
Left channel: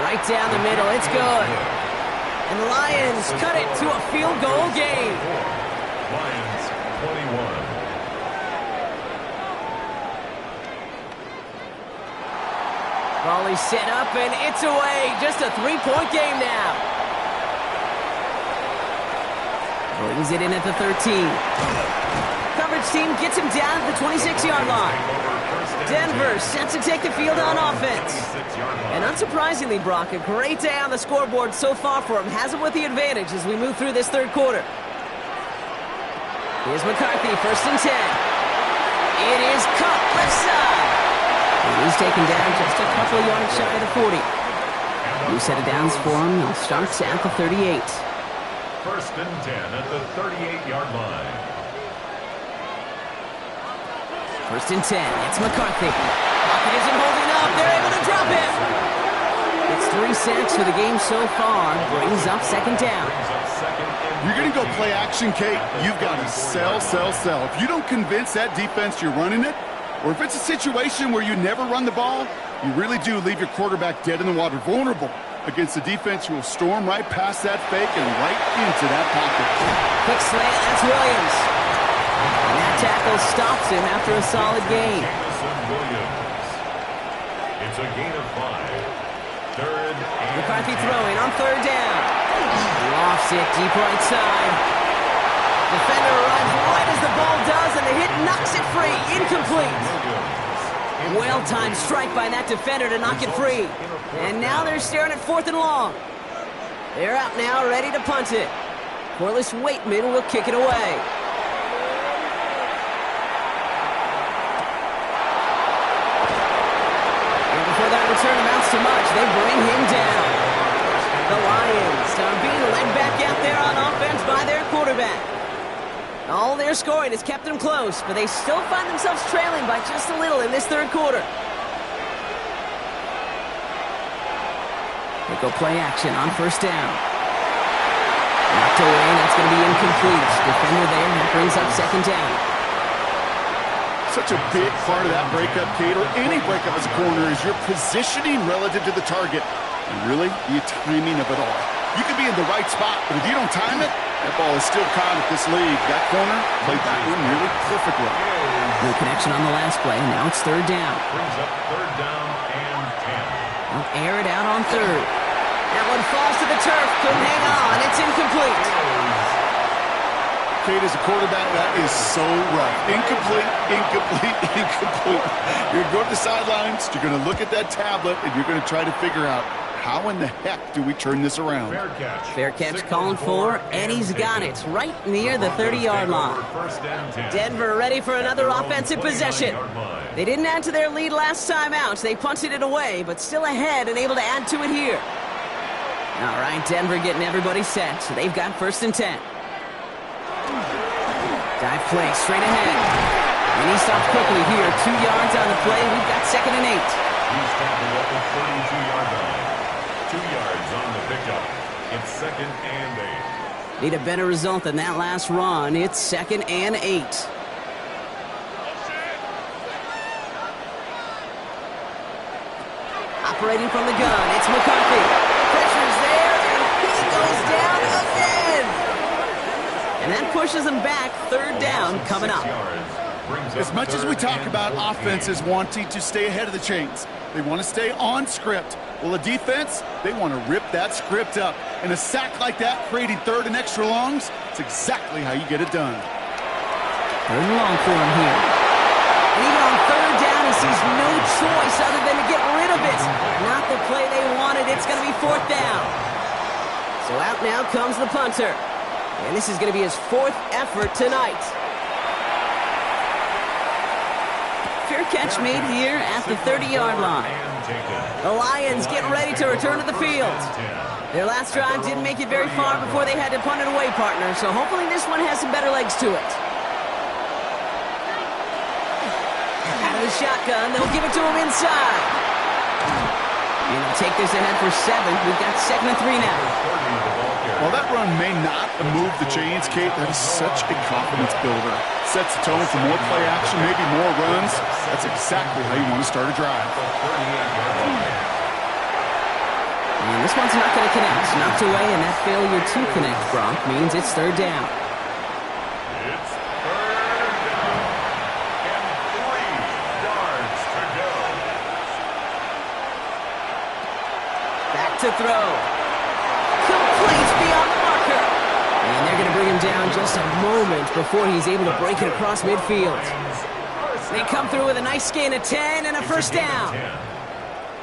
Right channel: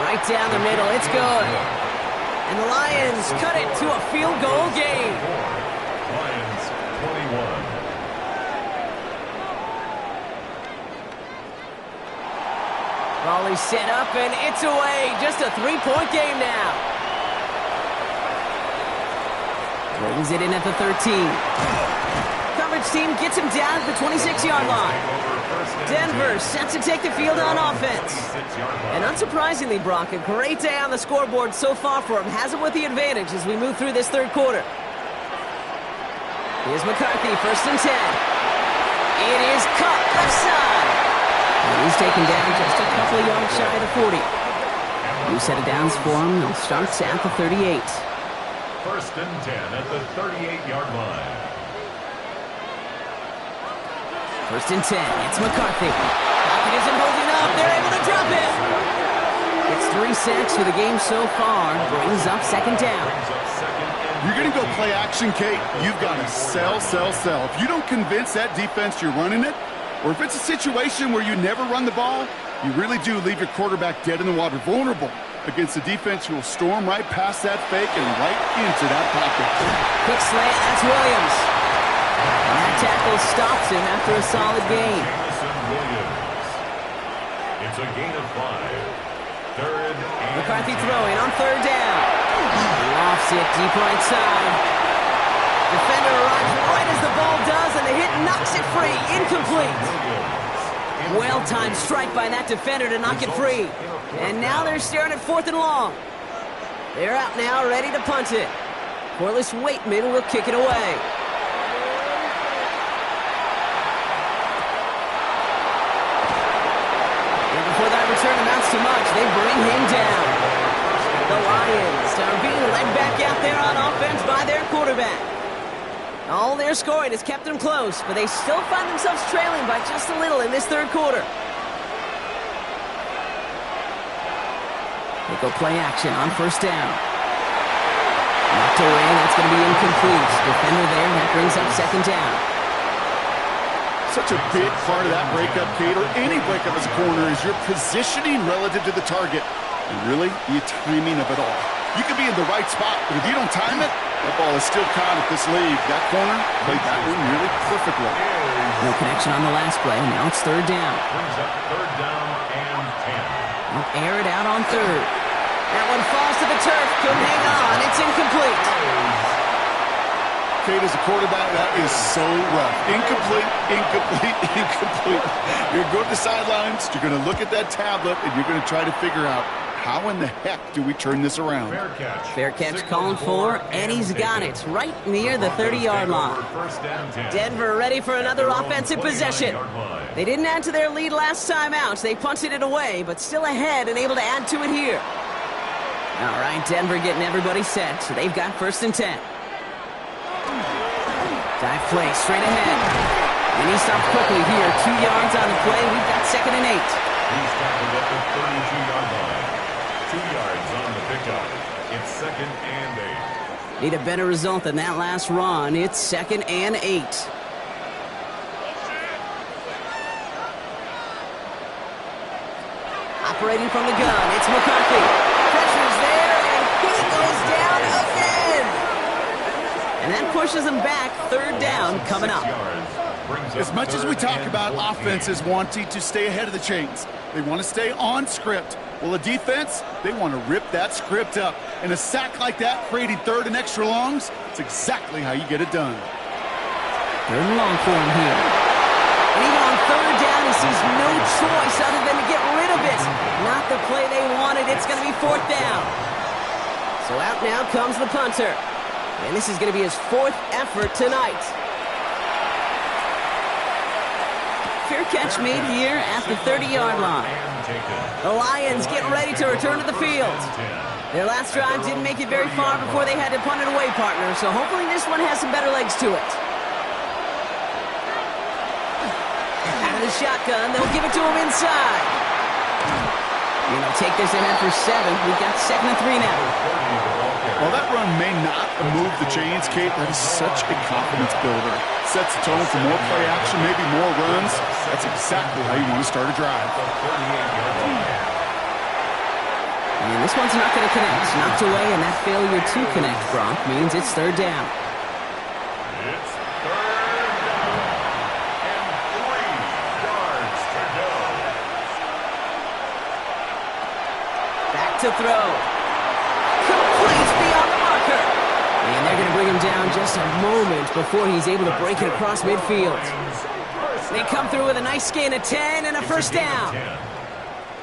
Right down the middle, it's good. And the Lions cut it to a field goal game. Lions 21. Ball is set up and it's away. Just a 3-point game now. Brings it in at the 13. Coverage team gets him down at the 26-yard line. Denver set to take the field on offense. And unsurprisingly, Brock, a great day on the scoreboard so far for him. Has him with the advantage as we move through this third quarter. Here's McCarthy, first and 10. It is caught left side. And he's taken down just a couple of yards shy of the 40. New set of downs for him. They'll start at the 38. First and 10 at the 38-yard line. First and 10, it's McCarthy. Pocket isn't holding up, they're able to drop him. It's 3 sacks for the game so far, brings up second down. You're going to go play action, Kate. You've got to sell. If you don't convince that defense you're running it, or if it's a situation where you never run the ball, you really do leave your quarterback dead in the water, vulnerable against a defense who will storm right past that fake and right into that pocket. Quick slant, that's Williams. And that tackle stops him after a solid gain. Williams. It's a gain of 5. Third and McCarthy throwing on third down. Lofts it deep right side. Defender arrives right as the ball does, and the hit knocks it free. Incomplete. Well-timed strike by that defender to knock it free. And now they're staring at 4th and long. They're out now, ready to punt it. Corliss Waitman will kick it away. Before that return amounts to much, they bring him down. The Lions are being led back out there on offense by their quarterback. All their scoring has kept them close, but they still find themselves trailing by just a little in this third quarter. They go play action on first down. Knocked away, that's going to be incomplete. Defender there, that brings up second down. Such a big part of that breakup, Kate, or any breakup as a corner, is your positioning relative to the target. And really, the timing of it all. You could be in the right spot, but if you don't time it, that ball is still caught at this league. That corner played that one nearly perfectly. No connection on the last play. Now it's third down. Brings up third down and 10. They'll air it out on third. That one falls to the turf. Couldn't hang on. It's incomplete. Kate, as a quarterback, that is so rough. Incomplete. You're going to go to the sidelines, you're going to look at that tablet, and you're going to try to figure out, how in the heck do we turn this around? Fair catch calling for, and he's got it right near the 30-yard line. Denver ready for another offensive possession. They didn't add to their lead last time out. They punted it away, but still ahead and able to add to it here. All right, Denver getting everybody set. So they've got first and 10. Dive play straight ahead. And he stopped quickly here. 2 yards on the play. We've got second and 8. He's tackled at the 32-yard line. 2 yards on the pickup. It's second and 8. Need a better result than that last run. It's second and 8. Operating from the gun, it's McCarthy. Pressure's there, and he goes down again. And that pushes them back. Third down coming up. As much as we talk about offenses wanting to stay ahead of the chains, they want to stay on script. Well, a defense, they want to rip that script up. And a sack like that, creating third and extra longs, it's exactly how you get it done. Third and long for him here. And even on third down, he sees no choice other than to get rid of it. Not the play they wanted. It's going to be fourth down. So out now comes the punter. And this is going to be his 4th effort tonight. Fair catch made here at the 30-yard line. The Lions getting ready to return to the field. Their last drive didn't make it very far before they had to punt it away, partner, so hopefully this one has some better legs to it. Out of the shotgun, they'll give it to him inside. And they'll take this ahead for 7. We've got 2nd and 3 now. While that run may not have moved the chains, Kate, that is such a confidence builder. Sets the tone for more play action, maybe more runs. That's exactly how you want to start a drive. And this one's not going to connect. Knocked away, and that failure to connect, Brock, means it's 3rd down. It's 3rd down. And 3 yards to go. Back to throw. Complete beyond the marker. And they're going to bring him down just a moment before he's able to break it across midfield. They come through with a nice gain of 10 and a first down.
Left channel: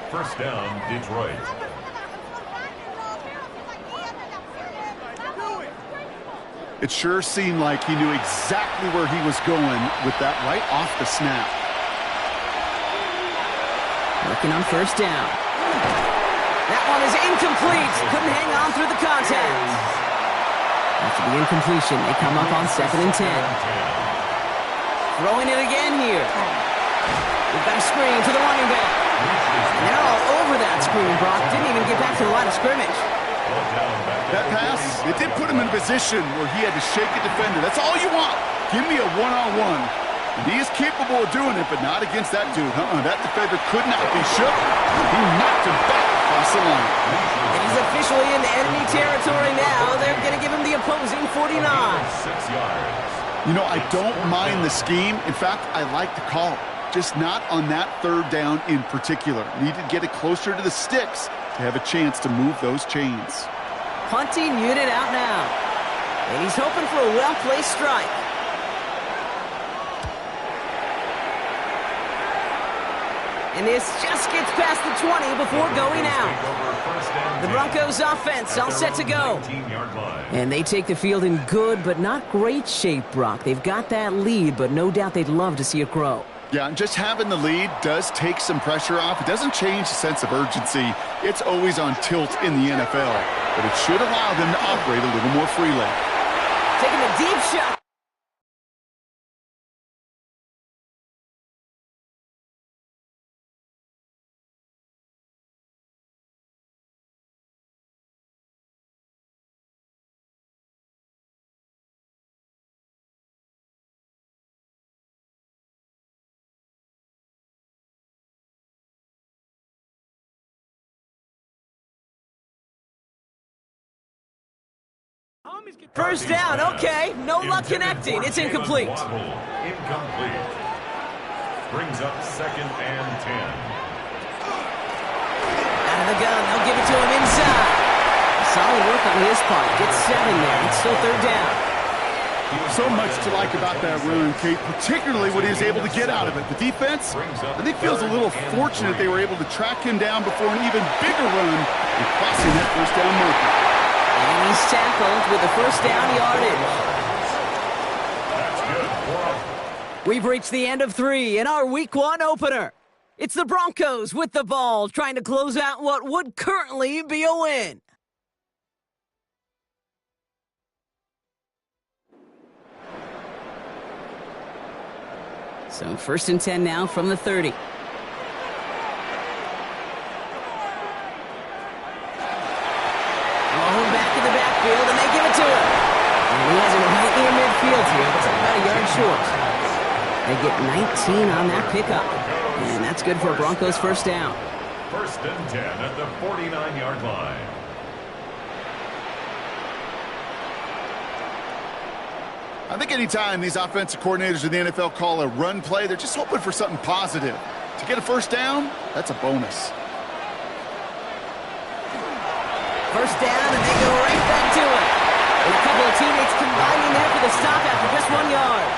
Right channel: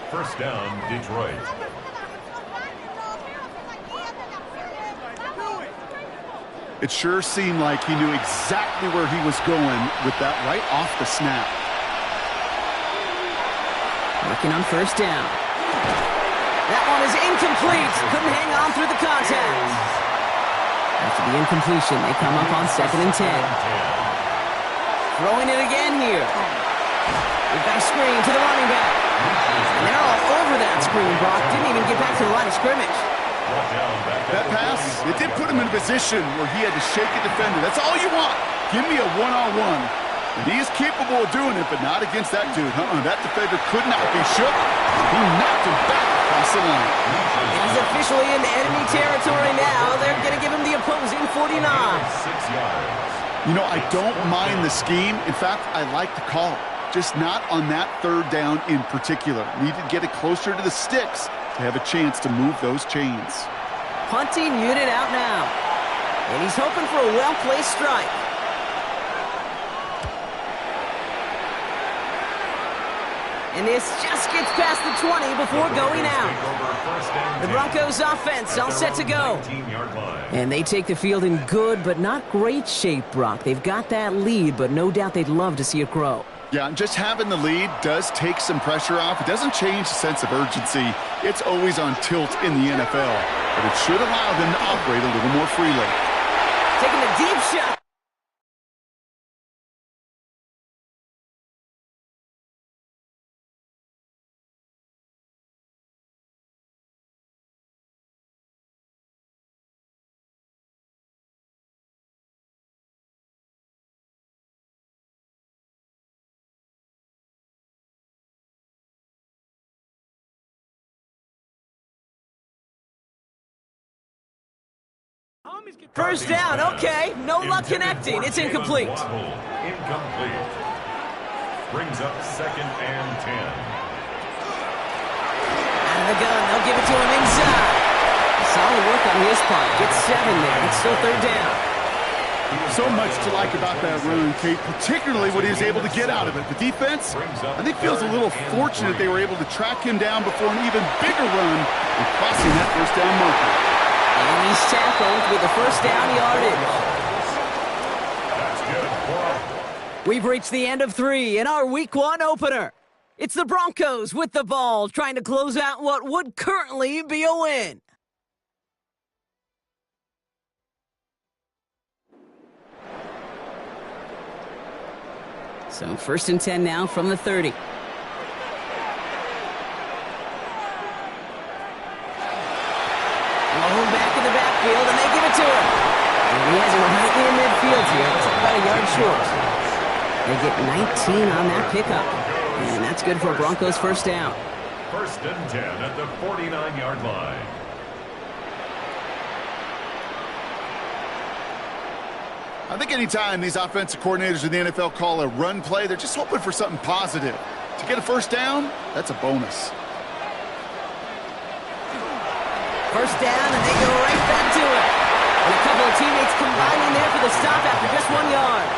First down, Detroit. It sure seemed like he knew exactly where he was going with that right off the snap. Working on first down. That one is incomplete. Couldn't hang on through the contact. After the incompletion, they come up on 2nd and 10. Throwing it again here. We've got a screen to the running back. And they're all over that screen, Brock. Didn't even get back to the line of scrimmage. That pass, it did put him in a position where he had to shake a defender. That's all you want. Give me a one-on-one. And he is capable of doing it, but not against that dude. That defender could not be shook. He knocked him back across the line. And he's officially in enemy territory now. They're going to give him the opposing 49. 6 yards. You know, I don't mind the scheme. In fact, I like the call. Just not on that 3rd down in particular. Need to get it closer to the sticks to have a chance to move those chains. Punting unit out now. And he's hoping for a well-placed strike. And this just gets past the 20 before going out. The Broncos offense all set to go. And they take the field in good but not great shape, Brock. They've got that lead, but no doubt they'd love to see it grow. Yeah, and just having the lead does take some pressure off. It doesn't change the sense of urgency. It's always on tilt in the NFL, but it should allow them to operate a little more freely. Taking a deep shot. First down, okay. No luck connecting. It's incomplete. Incomplete. Brings up 2nd and 10. Out of the gun, they'll give it to him inside. Solid work on his part. Gets 7 there. It's still 3rd down. So much to like about that run, Kate, particularly what he was able to get out of it. The defense, I think, feels a little fortunate they were able to track him down before an even bigger run and crossing that first down marker. And he's tackled with the first down yardage. That's good. We've reached the end of 3 in our Week 1 opener. It's the Broncos with the ball, trying to close out what would currently be a win. So 1st and 10 now from the 30. Low back in the backfield, and they give it to him. And he has it right near midfield here. Looks like about a yard short. They get 19 on that pickup. And that's good for a Broncos first down. 1st and 10 at the 49-yard line. I think anytime these offensive coordinators in the NFL call a run play, they're just hoping for something positive. To get a first down, that's a bonus. First down, and they go right back to it. And a couple of teammates combining there for the stop after just 1 yard.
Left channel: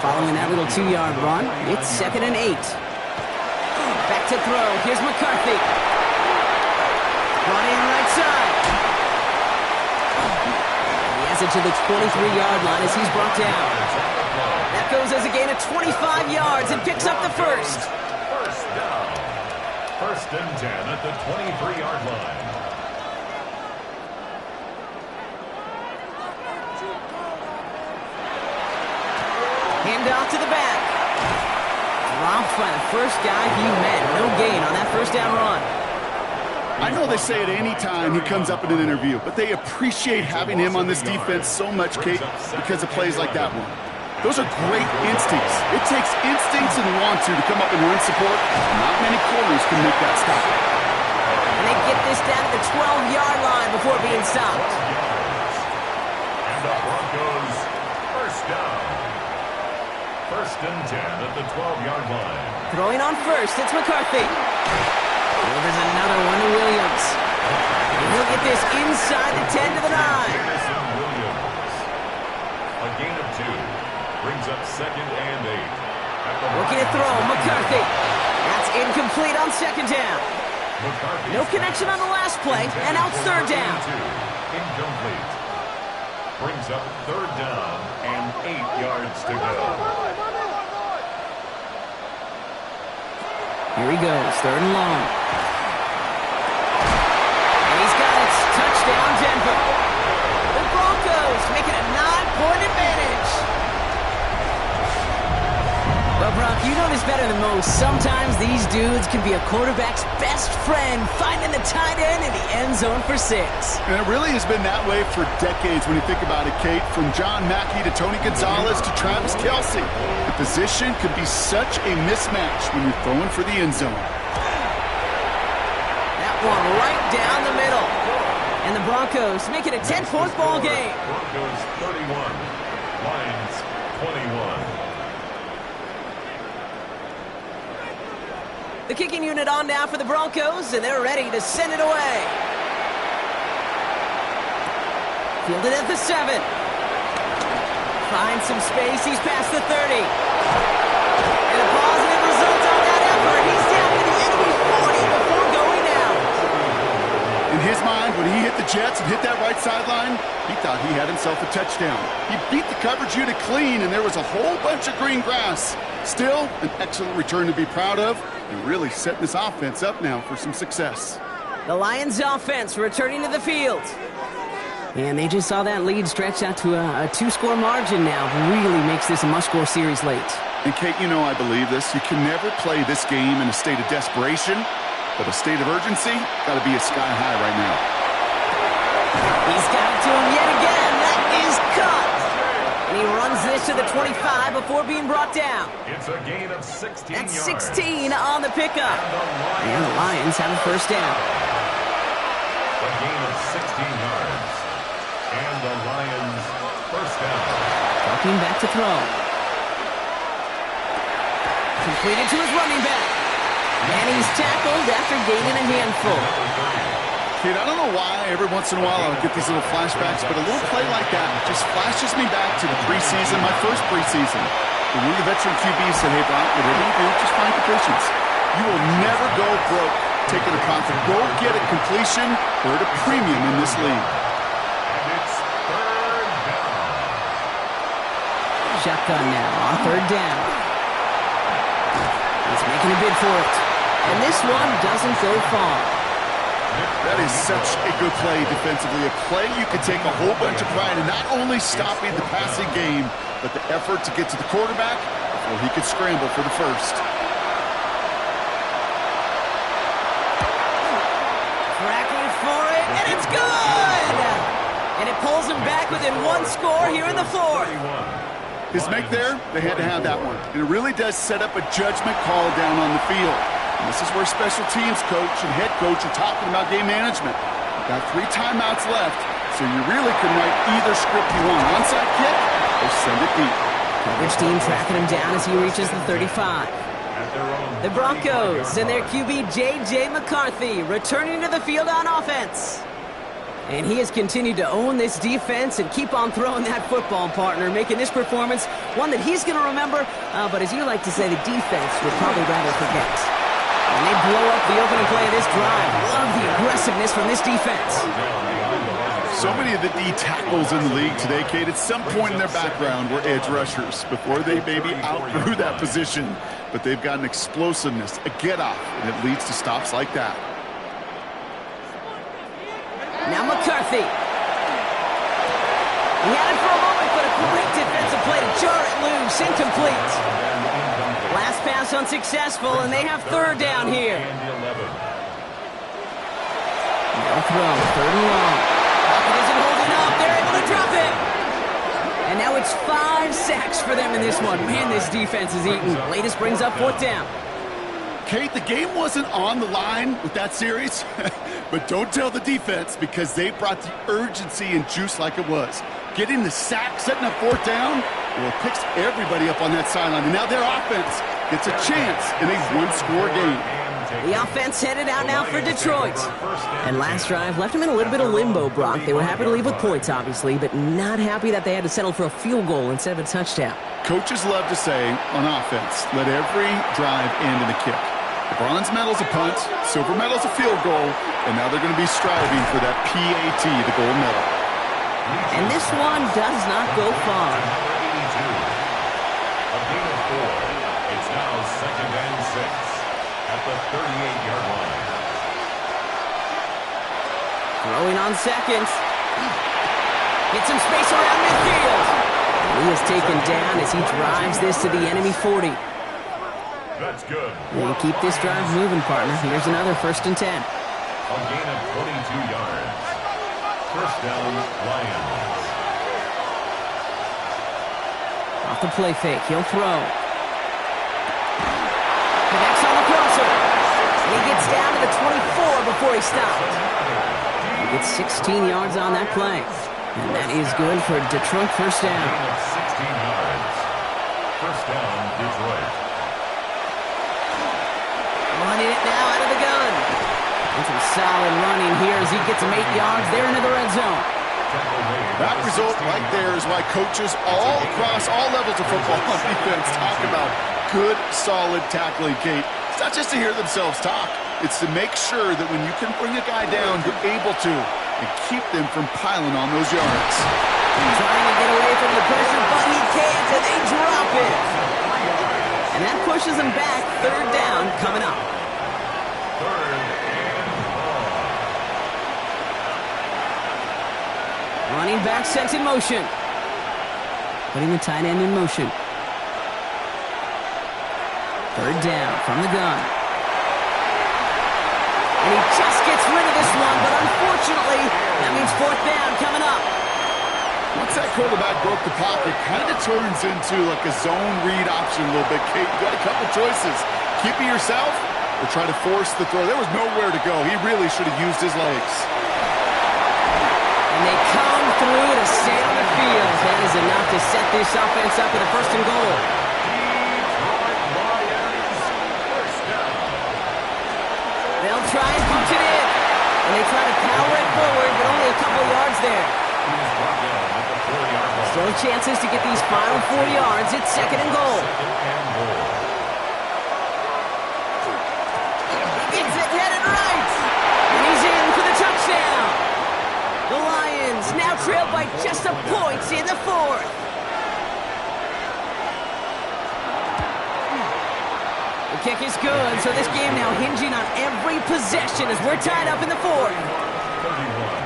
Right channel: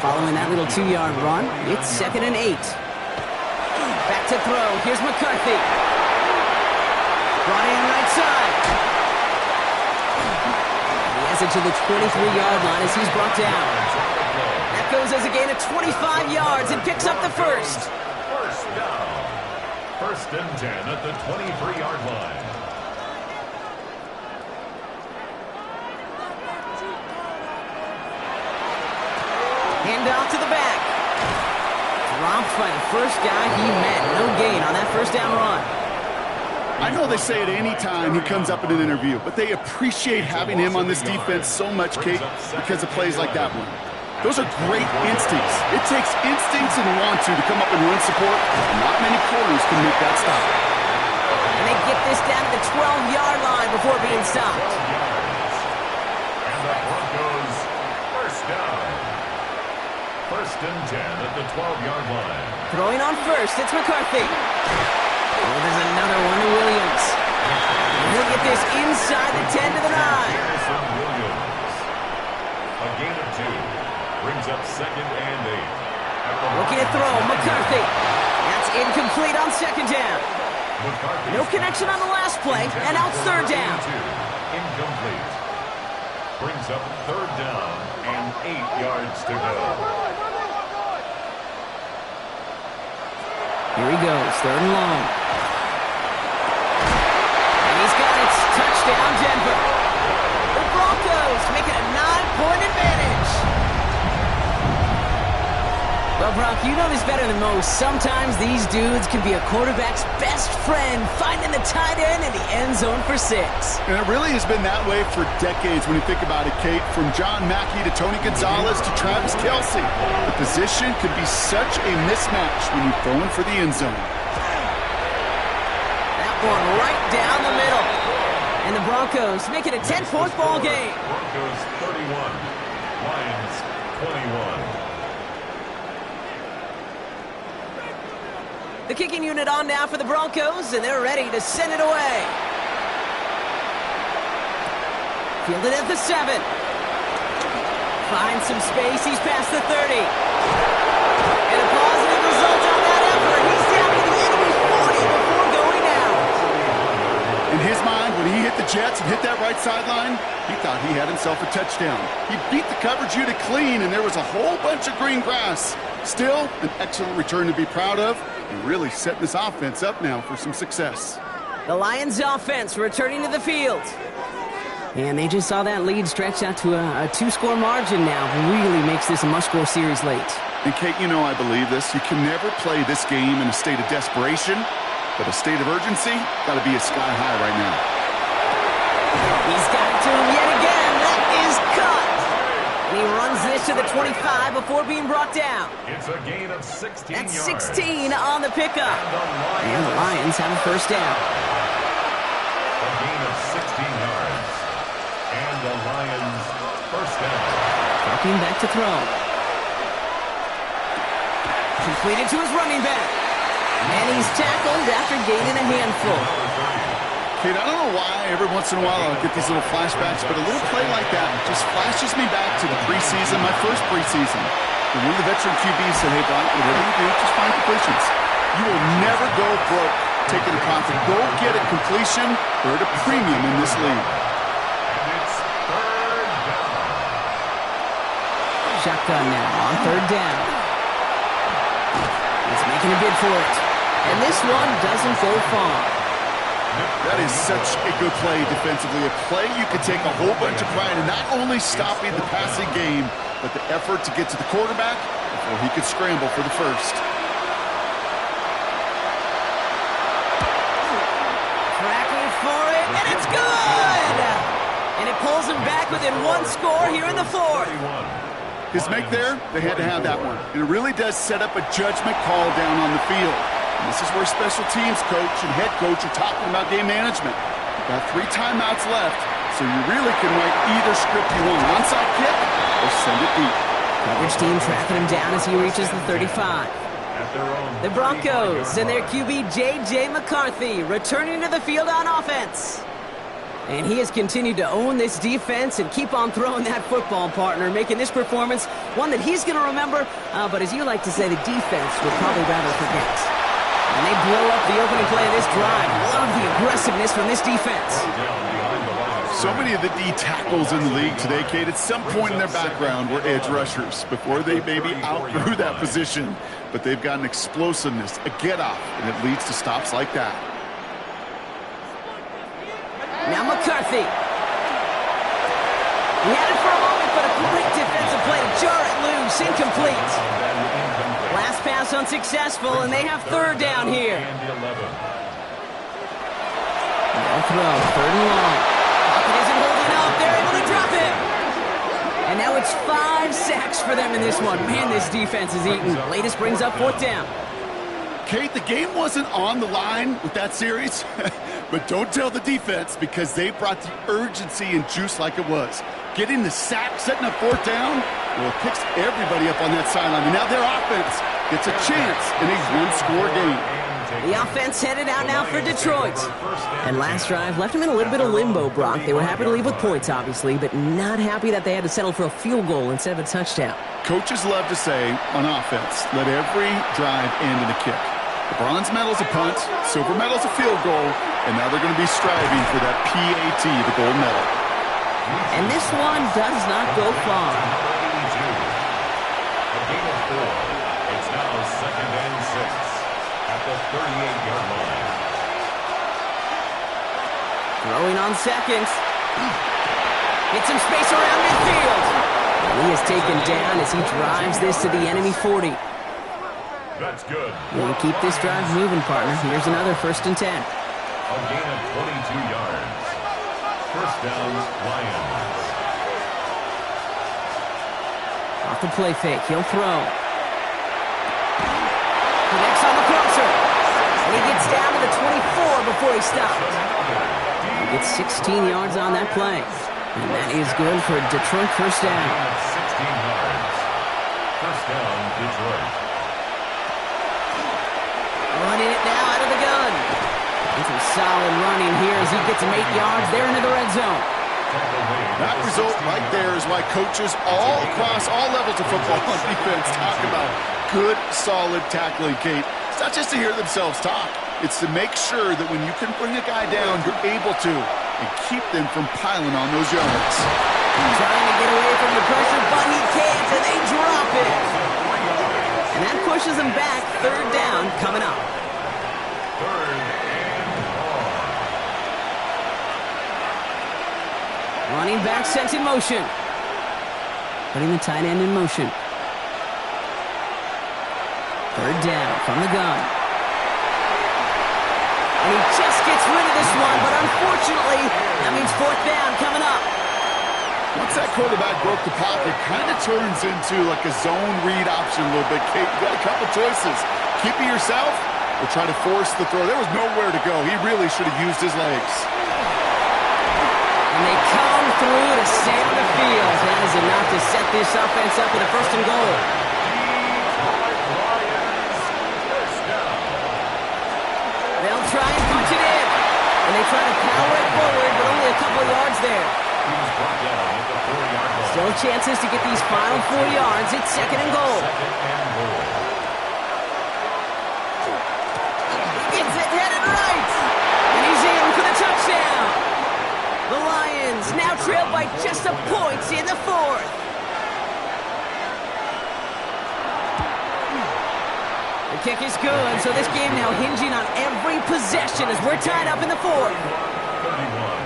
Following that little 2-yard run, it's 2nd and 8. Back to throw. Here's McCarthy. Brought in right side. He has it to the 23-yard line as he's brought down. That That goes as a gain of 25 yards and picks up the first. First down. 1st and 10 at the 23-yard line. Hand off to the back. Dropped by the first guy he met. No gain on that first down run. I know they say it any time he comes up in an interview, but they appreciate having him on this defense so much, Kate, because of plays like that one. Those are great instincts. It takes instincts and want to come up and run support. Not many corners can make that stop. And they get this down to the 12-yard line before being stopped. 12 yards. And the Broncos first down. 1st and 10 at the 12-yard line. Throwing on first, it's McCarthy. Oh, there's another one to Williams. And he'll get this inside the 10 to the 9. Jameson Williams. A gain of 2. Brings up 2nd and 8. Looking to throw, McCarthy. That's incomplete on 2nd down. McCarthy. No connection on the last play, and out 3rd down. Incomplete. Brings up 3rd down and 8 yards to go. Here he goes, 3rd and long. And he's got it. Touchdown, Denver. The Broncos make it a 9-point advantage. Well, Brock, you know this better than most. Sometimes these dudes can be a quarterback's best friend, finding the tight end in the end zone for 6. And it really has been that way for decades when you think about it, Kate. From John Mackey to Tony Gonzalez to Travis Kelce. The position could be such a mismatch when you're throwing for the end zone. That one right down the middle. And the Broncos make it a 10-point ball game. Broncos 31, Lions 21. The kicking unit on now for the Broncos, and they're ready to send it away. Fielded at the 7. Finds some space. He's past the 30. And a positive result on that effort. He's down to the enemy 40 before going out. In his mind, when he hit the Jets and hit that right sideline, he thought he had himself a touchdown. He beat the coverage unit clean, and there was a whole bunch of green grass. Still, an excellent return to be proud of, and really setting this offense up now for some success. The Lions offense returning to the field. And they just saw that lead stretch out to a 2-score margin now. Really makes this a must-score series late. And Kate, you know I believe this. You can never play this game in a state of desperation, but a state of urgency got to be a sky high right now. He's got it to him yet again. That is cut. And he runs this to the 25 before being brought down. It's a gain of 16 That's yards. 16 on the pickup. And the Lions have a first down. A gain of 16 yards. And the Lions first down. Dropping back to throw. Completed to his running back. And he's tackled after gaining a handful. Kate, I don't know why every once in a while I'll get these little flashbacks, but a little play like that just flashes me back to the preseason, my first preseason. And one of the veteran QBs said, hey, Brock, whatever you do, just find completions. You will never go broke taking a profit. Go get a completion. They're at a premium in this league. And it's 3rd down. Shotgun now on 3rd down. He's making a bid for it. And this one doesn't go far. That is such a good play defensively. A play you could take a whole bunch of pride in not only stopping the passing game, but the effort to get to the quarterback before he could scramble for the first. Tracking for it, and it's good! And it pulls him back within 1 score here in the 4th. His make there, they had to have that one. And it really does set up a judgment call down on the field. And this is where special teams coach and head coach are talking about game management. You've got 3 timeouts left, so you really can write either script you want. Onside kick or send it deep. Coverage team tracking him down as he reaches the 35. The Broncos and their QB J.J. McCarthy returning to the field on offense. And he has continued to own this defense and keep on throwing that football, partner, making this performance one that he's going to remember, but as you like to say, the defense would probably rather forget. And they blow up the opening play of this drive. Love the aggressiveness from this defense. So many of the D tackles in the league today, Kate, at some point in their background were edge rushers before they maybe outgrew that position. But they've got an explosiveness, a get-off, and it leads to stops like that. Now McCarthy. He had it for a moment, but a great defensive play to jar it loose. Incomplete. Last pass unsuccessful, and they have third down here. They'll throw, third and long. Pocket isn't holding up. They're able to drop it. And now it's 5 sacks for them in this one. Man, this defense is eating. Latest brings up fourth down. Kate, the game wasn't on the line with that series, but don't tell the defense because they brought the urgency and juice like it was. Getting the sack, setting up fourth down, well, it picks everybody up on that sideline. And now their offense gets a chance in a one-score game. The offense headed out now for Detroit. And last drive left them in a little bit of limbo, Brock. They were happy to leave with points, obviously, but not happy that they had to settle for a field goal instead of a touchdown. Coaches love to say on offense, let every drive end in a kick. The bronze medal's a punt, silver medal's a field goal, and now they're going to be striving for that PAT, the gold medal. And this one does not go far. A gain of 4. It's now 2nd and 6 at the 38-yard line. Throwing on seconds. Gets some space around midfield. And he is taken down as he drives this to the enemy 40. That's good. They keep this drive moving, partner. Here's another 1st and 10. A gain of 22 yards. First down, Lions. Off the play fake. He'll throw. Connects on the crosser. And he gets down to the 24 before he stopped. He gets 16 yards on that play. And that is good for Detroit first down. Gain of 16 yards. First down, Detroit. Running it now out of the gun. And some solid running here as he gets him 8 yards there into the red zone. That result right there is why coaches all across all levels of football on defense talk about good, solid tackling, Kate. It's not just to hear themselves talk. It's to make sure that when you can bring a guy down, you're able to, and keep them from piling on those yards. Trying to get away from the pressure, but he can't, and they drop it. And that pushes him back. Third down coming up. Third and long. Running back sent in motion. Putting the tight end in motion. Third down from the gun. And he just gets rid of this one, but unfortunately, that means fourth down coming up. Once that quarterback broke the pocket, kind of turns into like a zone read option a little bit. Kate, you got a couple choices. Keep it yourself or try to force the throw. There was nowhere to go. He really should have used his legs. And they come through to stay on the field. That is enough to set this offense up with a 1st and goal. Detroit Lions, first down. They'll try and punch it in. And they try to power it forward, but only a couple of yards there. He was brought down at the 4-yard line. Still chances to get these final 4 yards. It's 2nd and goal. 2nd and goal. Gets it headed right. And he's in for the touchdown. The Lions now trail by just a point in the 4th. The kick is good, so this game now hinging on every possession as we're tied up in the 4th. 31.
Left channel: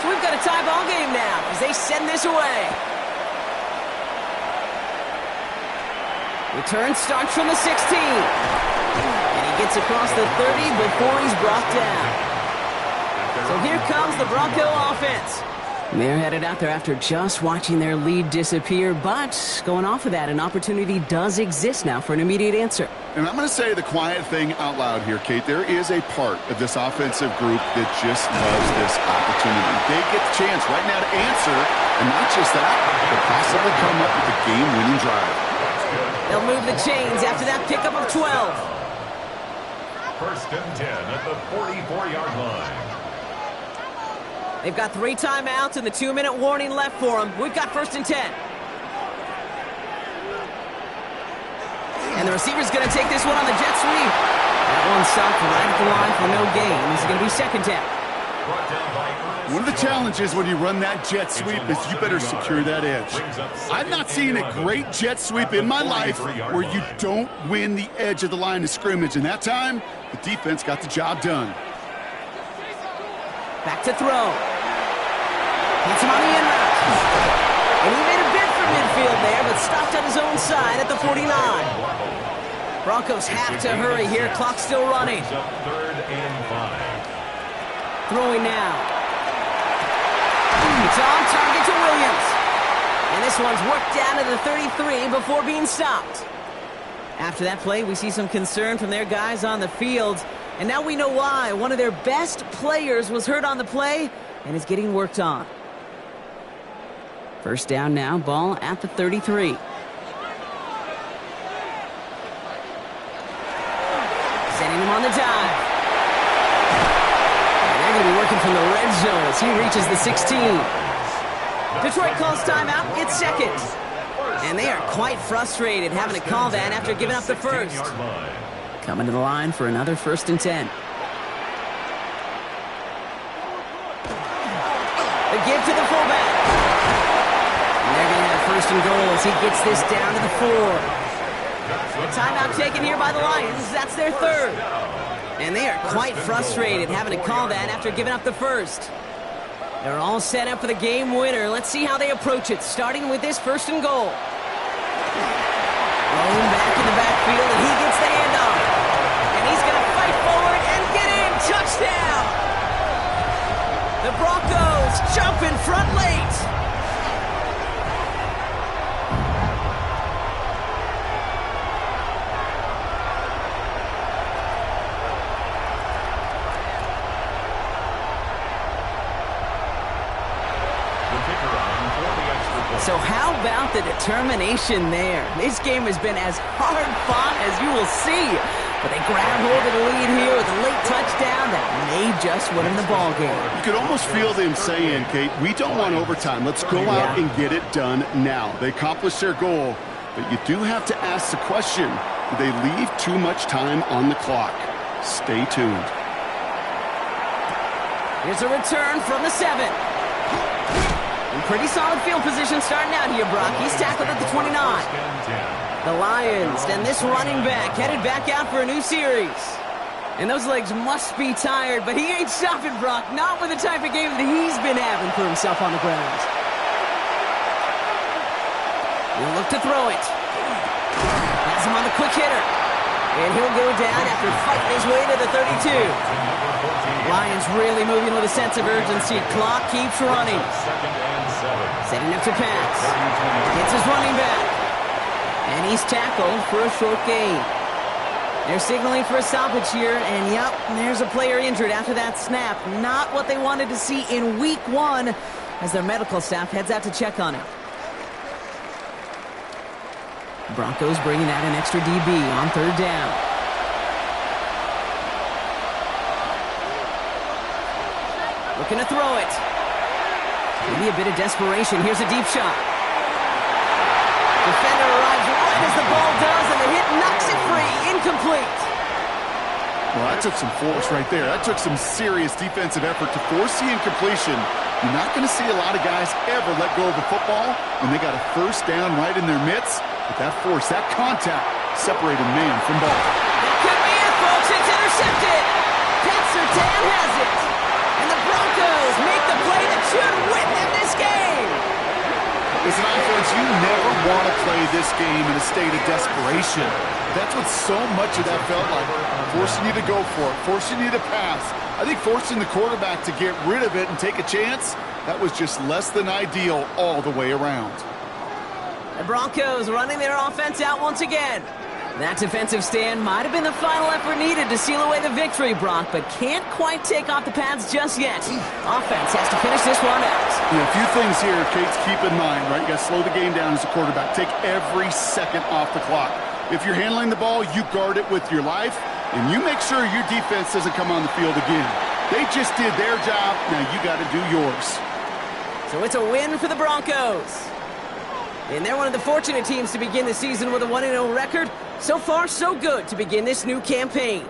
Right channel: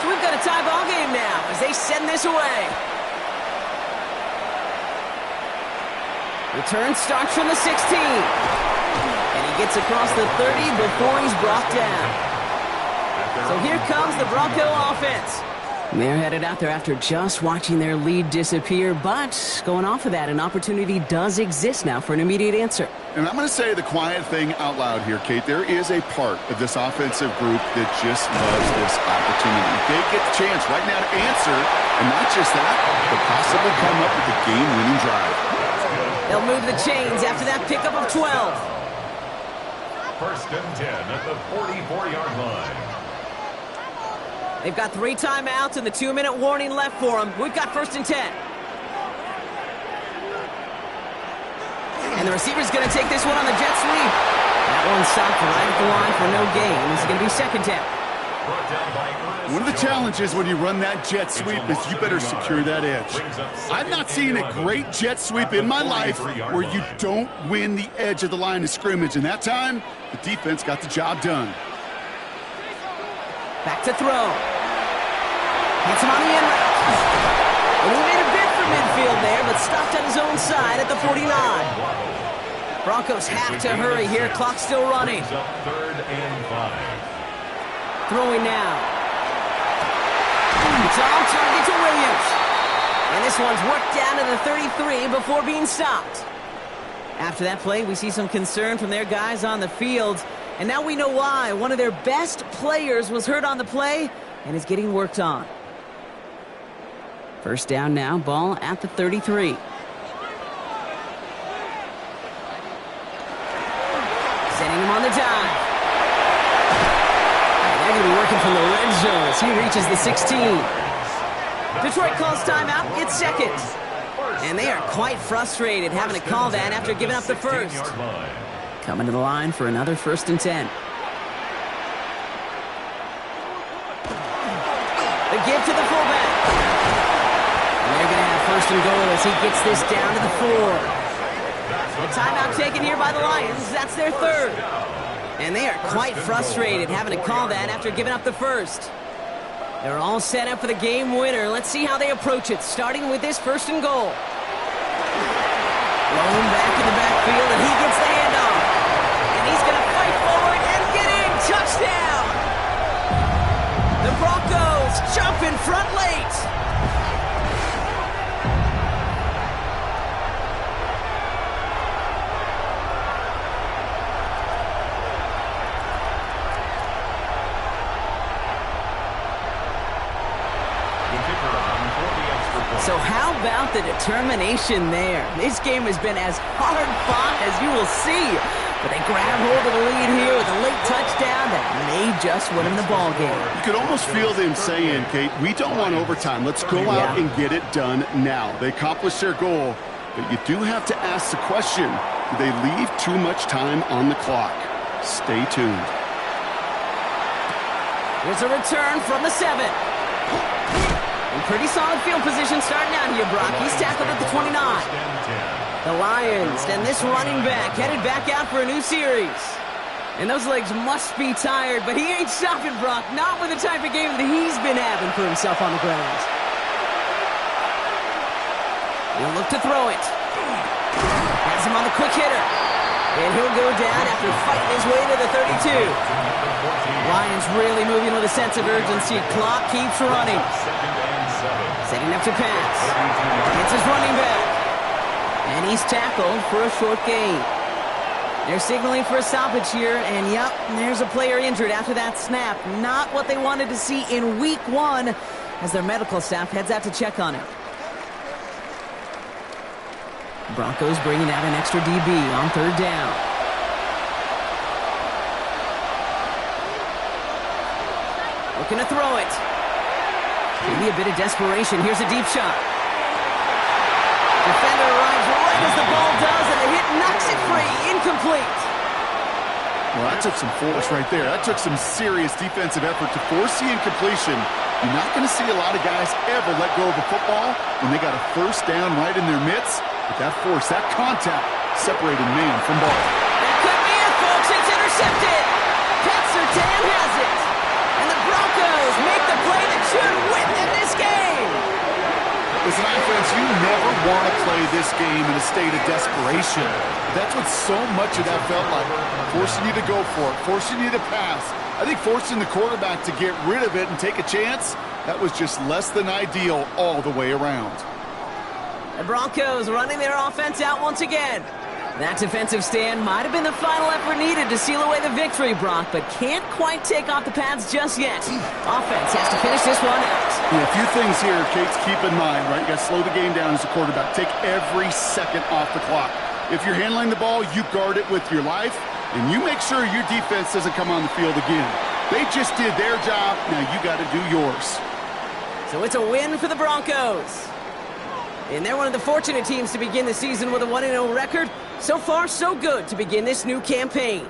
So we've got a tie ball game now as they send this away. Return starts from the 16. And he gets across the 30 before he's brought down. So here comes the Bronco offense. They're headed out there after just watching their lead disappear, but going off of that, an opportunity does exist now for an immediate answer. And I'm going to say the quiet thing out loud here, Kate. There is a part of this offensive group that just loves this opportunity. They get the chance right now to answer, and not just that, but possibly come up with a game-winning drive. They'll move the chains after that pickup of 12. 1st and 10 at the 44-yard line. They've got 3 timeouts and the 2-minute warning left for them. We've got 1st and 10. And the receiver's going to take this one on the jet sweep. That one stopped right at the line for no gain. This is going to be 2nd down. One of the challenges when you run that jet sweep is you better secure that edge. I've not seen a great jet sweep in my life where you don't win the edge of the line of scrimmage. And that time, the defense got the job done. Back to throw. Hits him on the in route. And he made a bid for midfield there, but stopped on his own side at the 49. Broncos have to hurry here. Clock's still running. 3rd and 5. Throwing now. It's on target to Williams. And this one's worked down to the 33 before being stopped. After that play, we see some concern from their guys on the field. And now we know why. One of their best players was hurt on the play and is getting worked on. 1st down now, ball at the 33. Sending him on the dive. And they're going to be working from the red zone as he reaches the 16. Detroit calls timeout. It's 2nd. And they are quite frustrated having to call that after giving up the 1st. Coming to the line for another 1st and 10. The give to the fullback. And they're going to have 1st and goal as he gets this down to the 4. The timeout taken here by the Lions. That's their 3rd. And they are quite frustrated having to call that after giving up the 1st. They're all set up for the game winner. Let's see how they approach it, starting with this 1st and goal. Blown back in the backfield, and he gets the handoff. And he's going to fight forward and get in. Touchdown! The Broncos jump in front late. So how about the determination there? This game has been as hard fought as you will see. But they grab hold of the lead here with a late touchdown that may just win them the ball game. You could almost feel them saying, Kate, we don't want overtime. Let's go out and get it done now. They accomplished their goal, but you do have to ask the question, do they leave too much time on the clock? Stay tuned. Here's a return from the 7. In pretty solid field position starting out here, Brock. He's tackled at the 29. The Lions and this running back headed back out for a new series. And those legs must be tired, but he ain't stopping, Brock. Not with the type of game that he's been having for himself on the ground. He'll look to throw it. Has him on the quick hitter. And he'll go down after fighting his way to the 32. Lions really moving with a sense of urgency. Clock keeps running. Setting up to pass. Hits his running back. And he's tackled for a short gain. They're signaling for a stoppage here. And yep, there's a player injured after that snap. Not what they wanted to see in week 1 as their medical staff heads out to check on him. Broncos bringing out an extra DB on 3rd down. Looking to throw it. Maybe a bit of desperation. Here's a deep shot. Defender arrives right as the ball does, and the hit knocks it free. Incomplete. Well, that took some force right there. That took some serious defensive effort to force the incompletion. You're not going to see a lot of guys ever let go of a football when they got a 1st down right in their midst. But that force, that contact, separated man from ball. That could be it, folks. It's intercepted. Pat Surtain has it. And the Broncos make the play that should win them this game. As an offense, you never want to play this game in a state of desperation. That's what so much of that felt like. Forcing you to go for it, forcing you to pass. I think forcing the quarterback to get rid of it and take a chance, that was just less than ideal all the way around. The Broncos running their offense out once again. That defensive stand might have been the final effort needed to seal away the victory, Brock, but can't quite take off the pads just yet. Offense has to finish this one out. Yeah, a few things here, Kate, to keep in mind, right? You got to slow the game down as a quarterback. Take every second off the clock. If you're handling the ball, you guard it with your life, and you make sure your defense doesn't come on the field again. They just did their job. Now you got to do yours. So it's a win for the Broncos. And they're one of the fortunate teams to begin the season with a 1-0 record. So far, so good to begin this new campaign.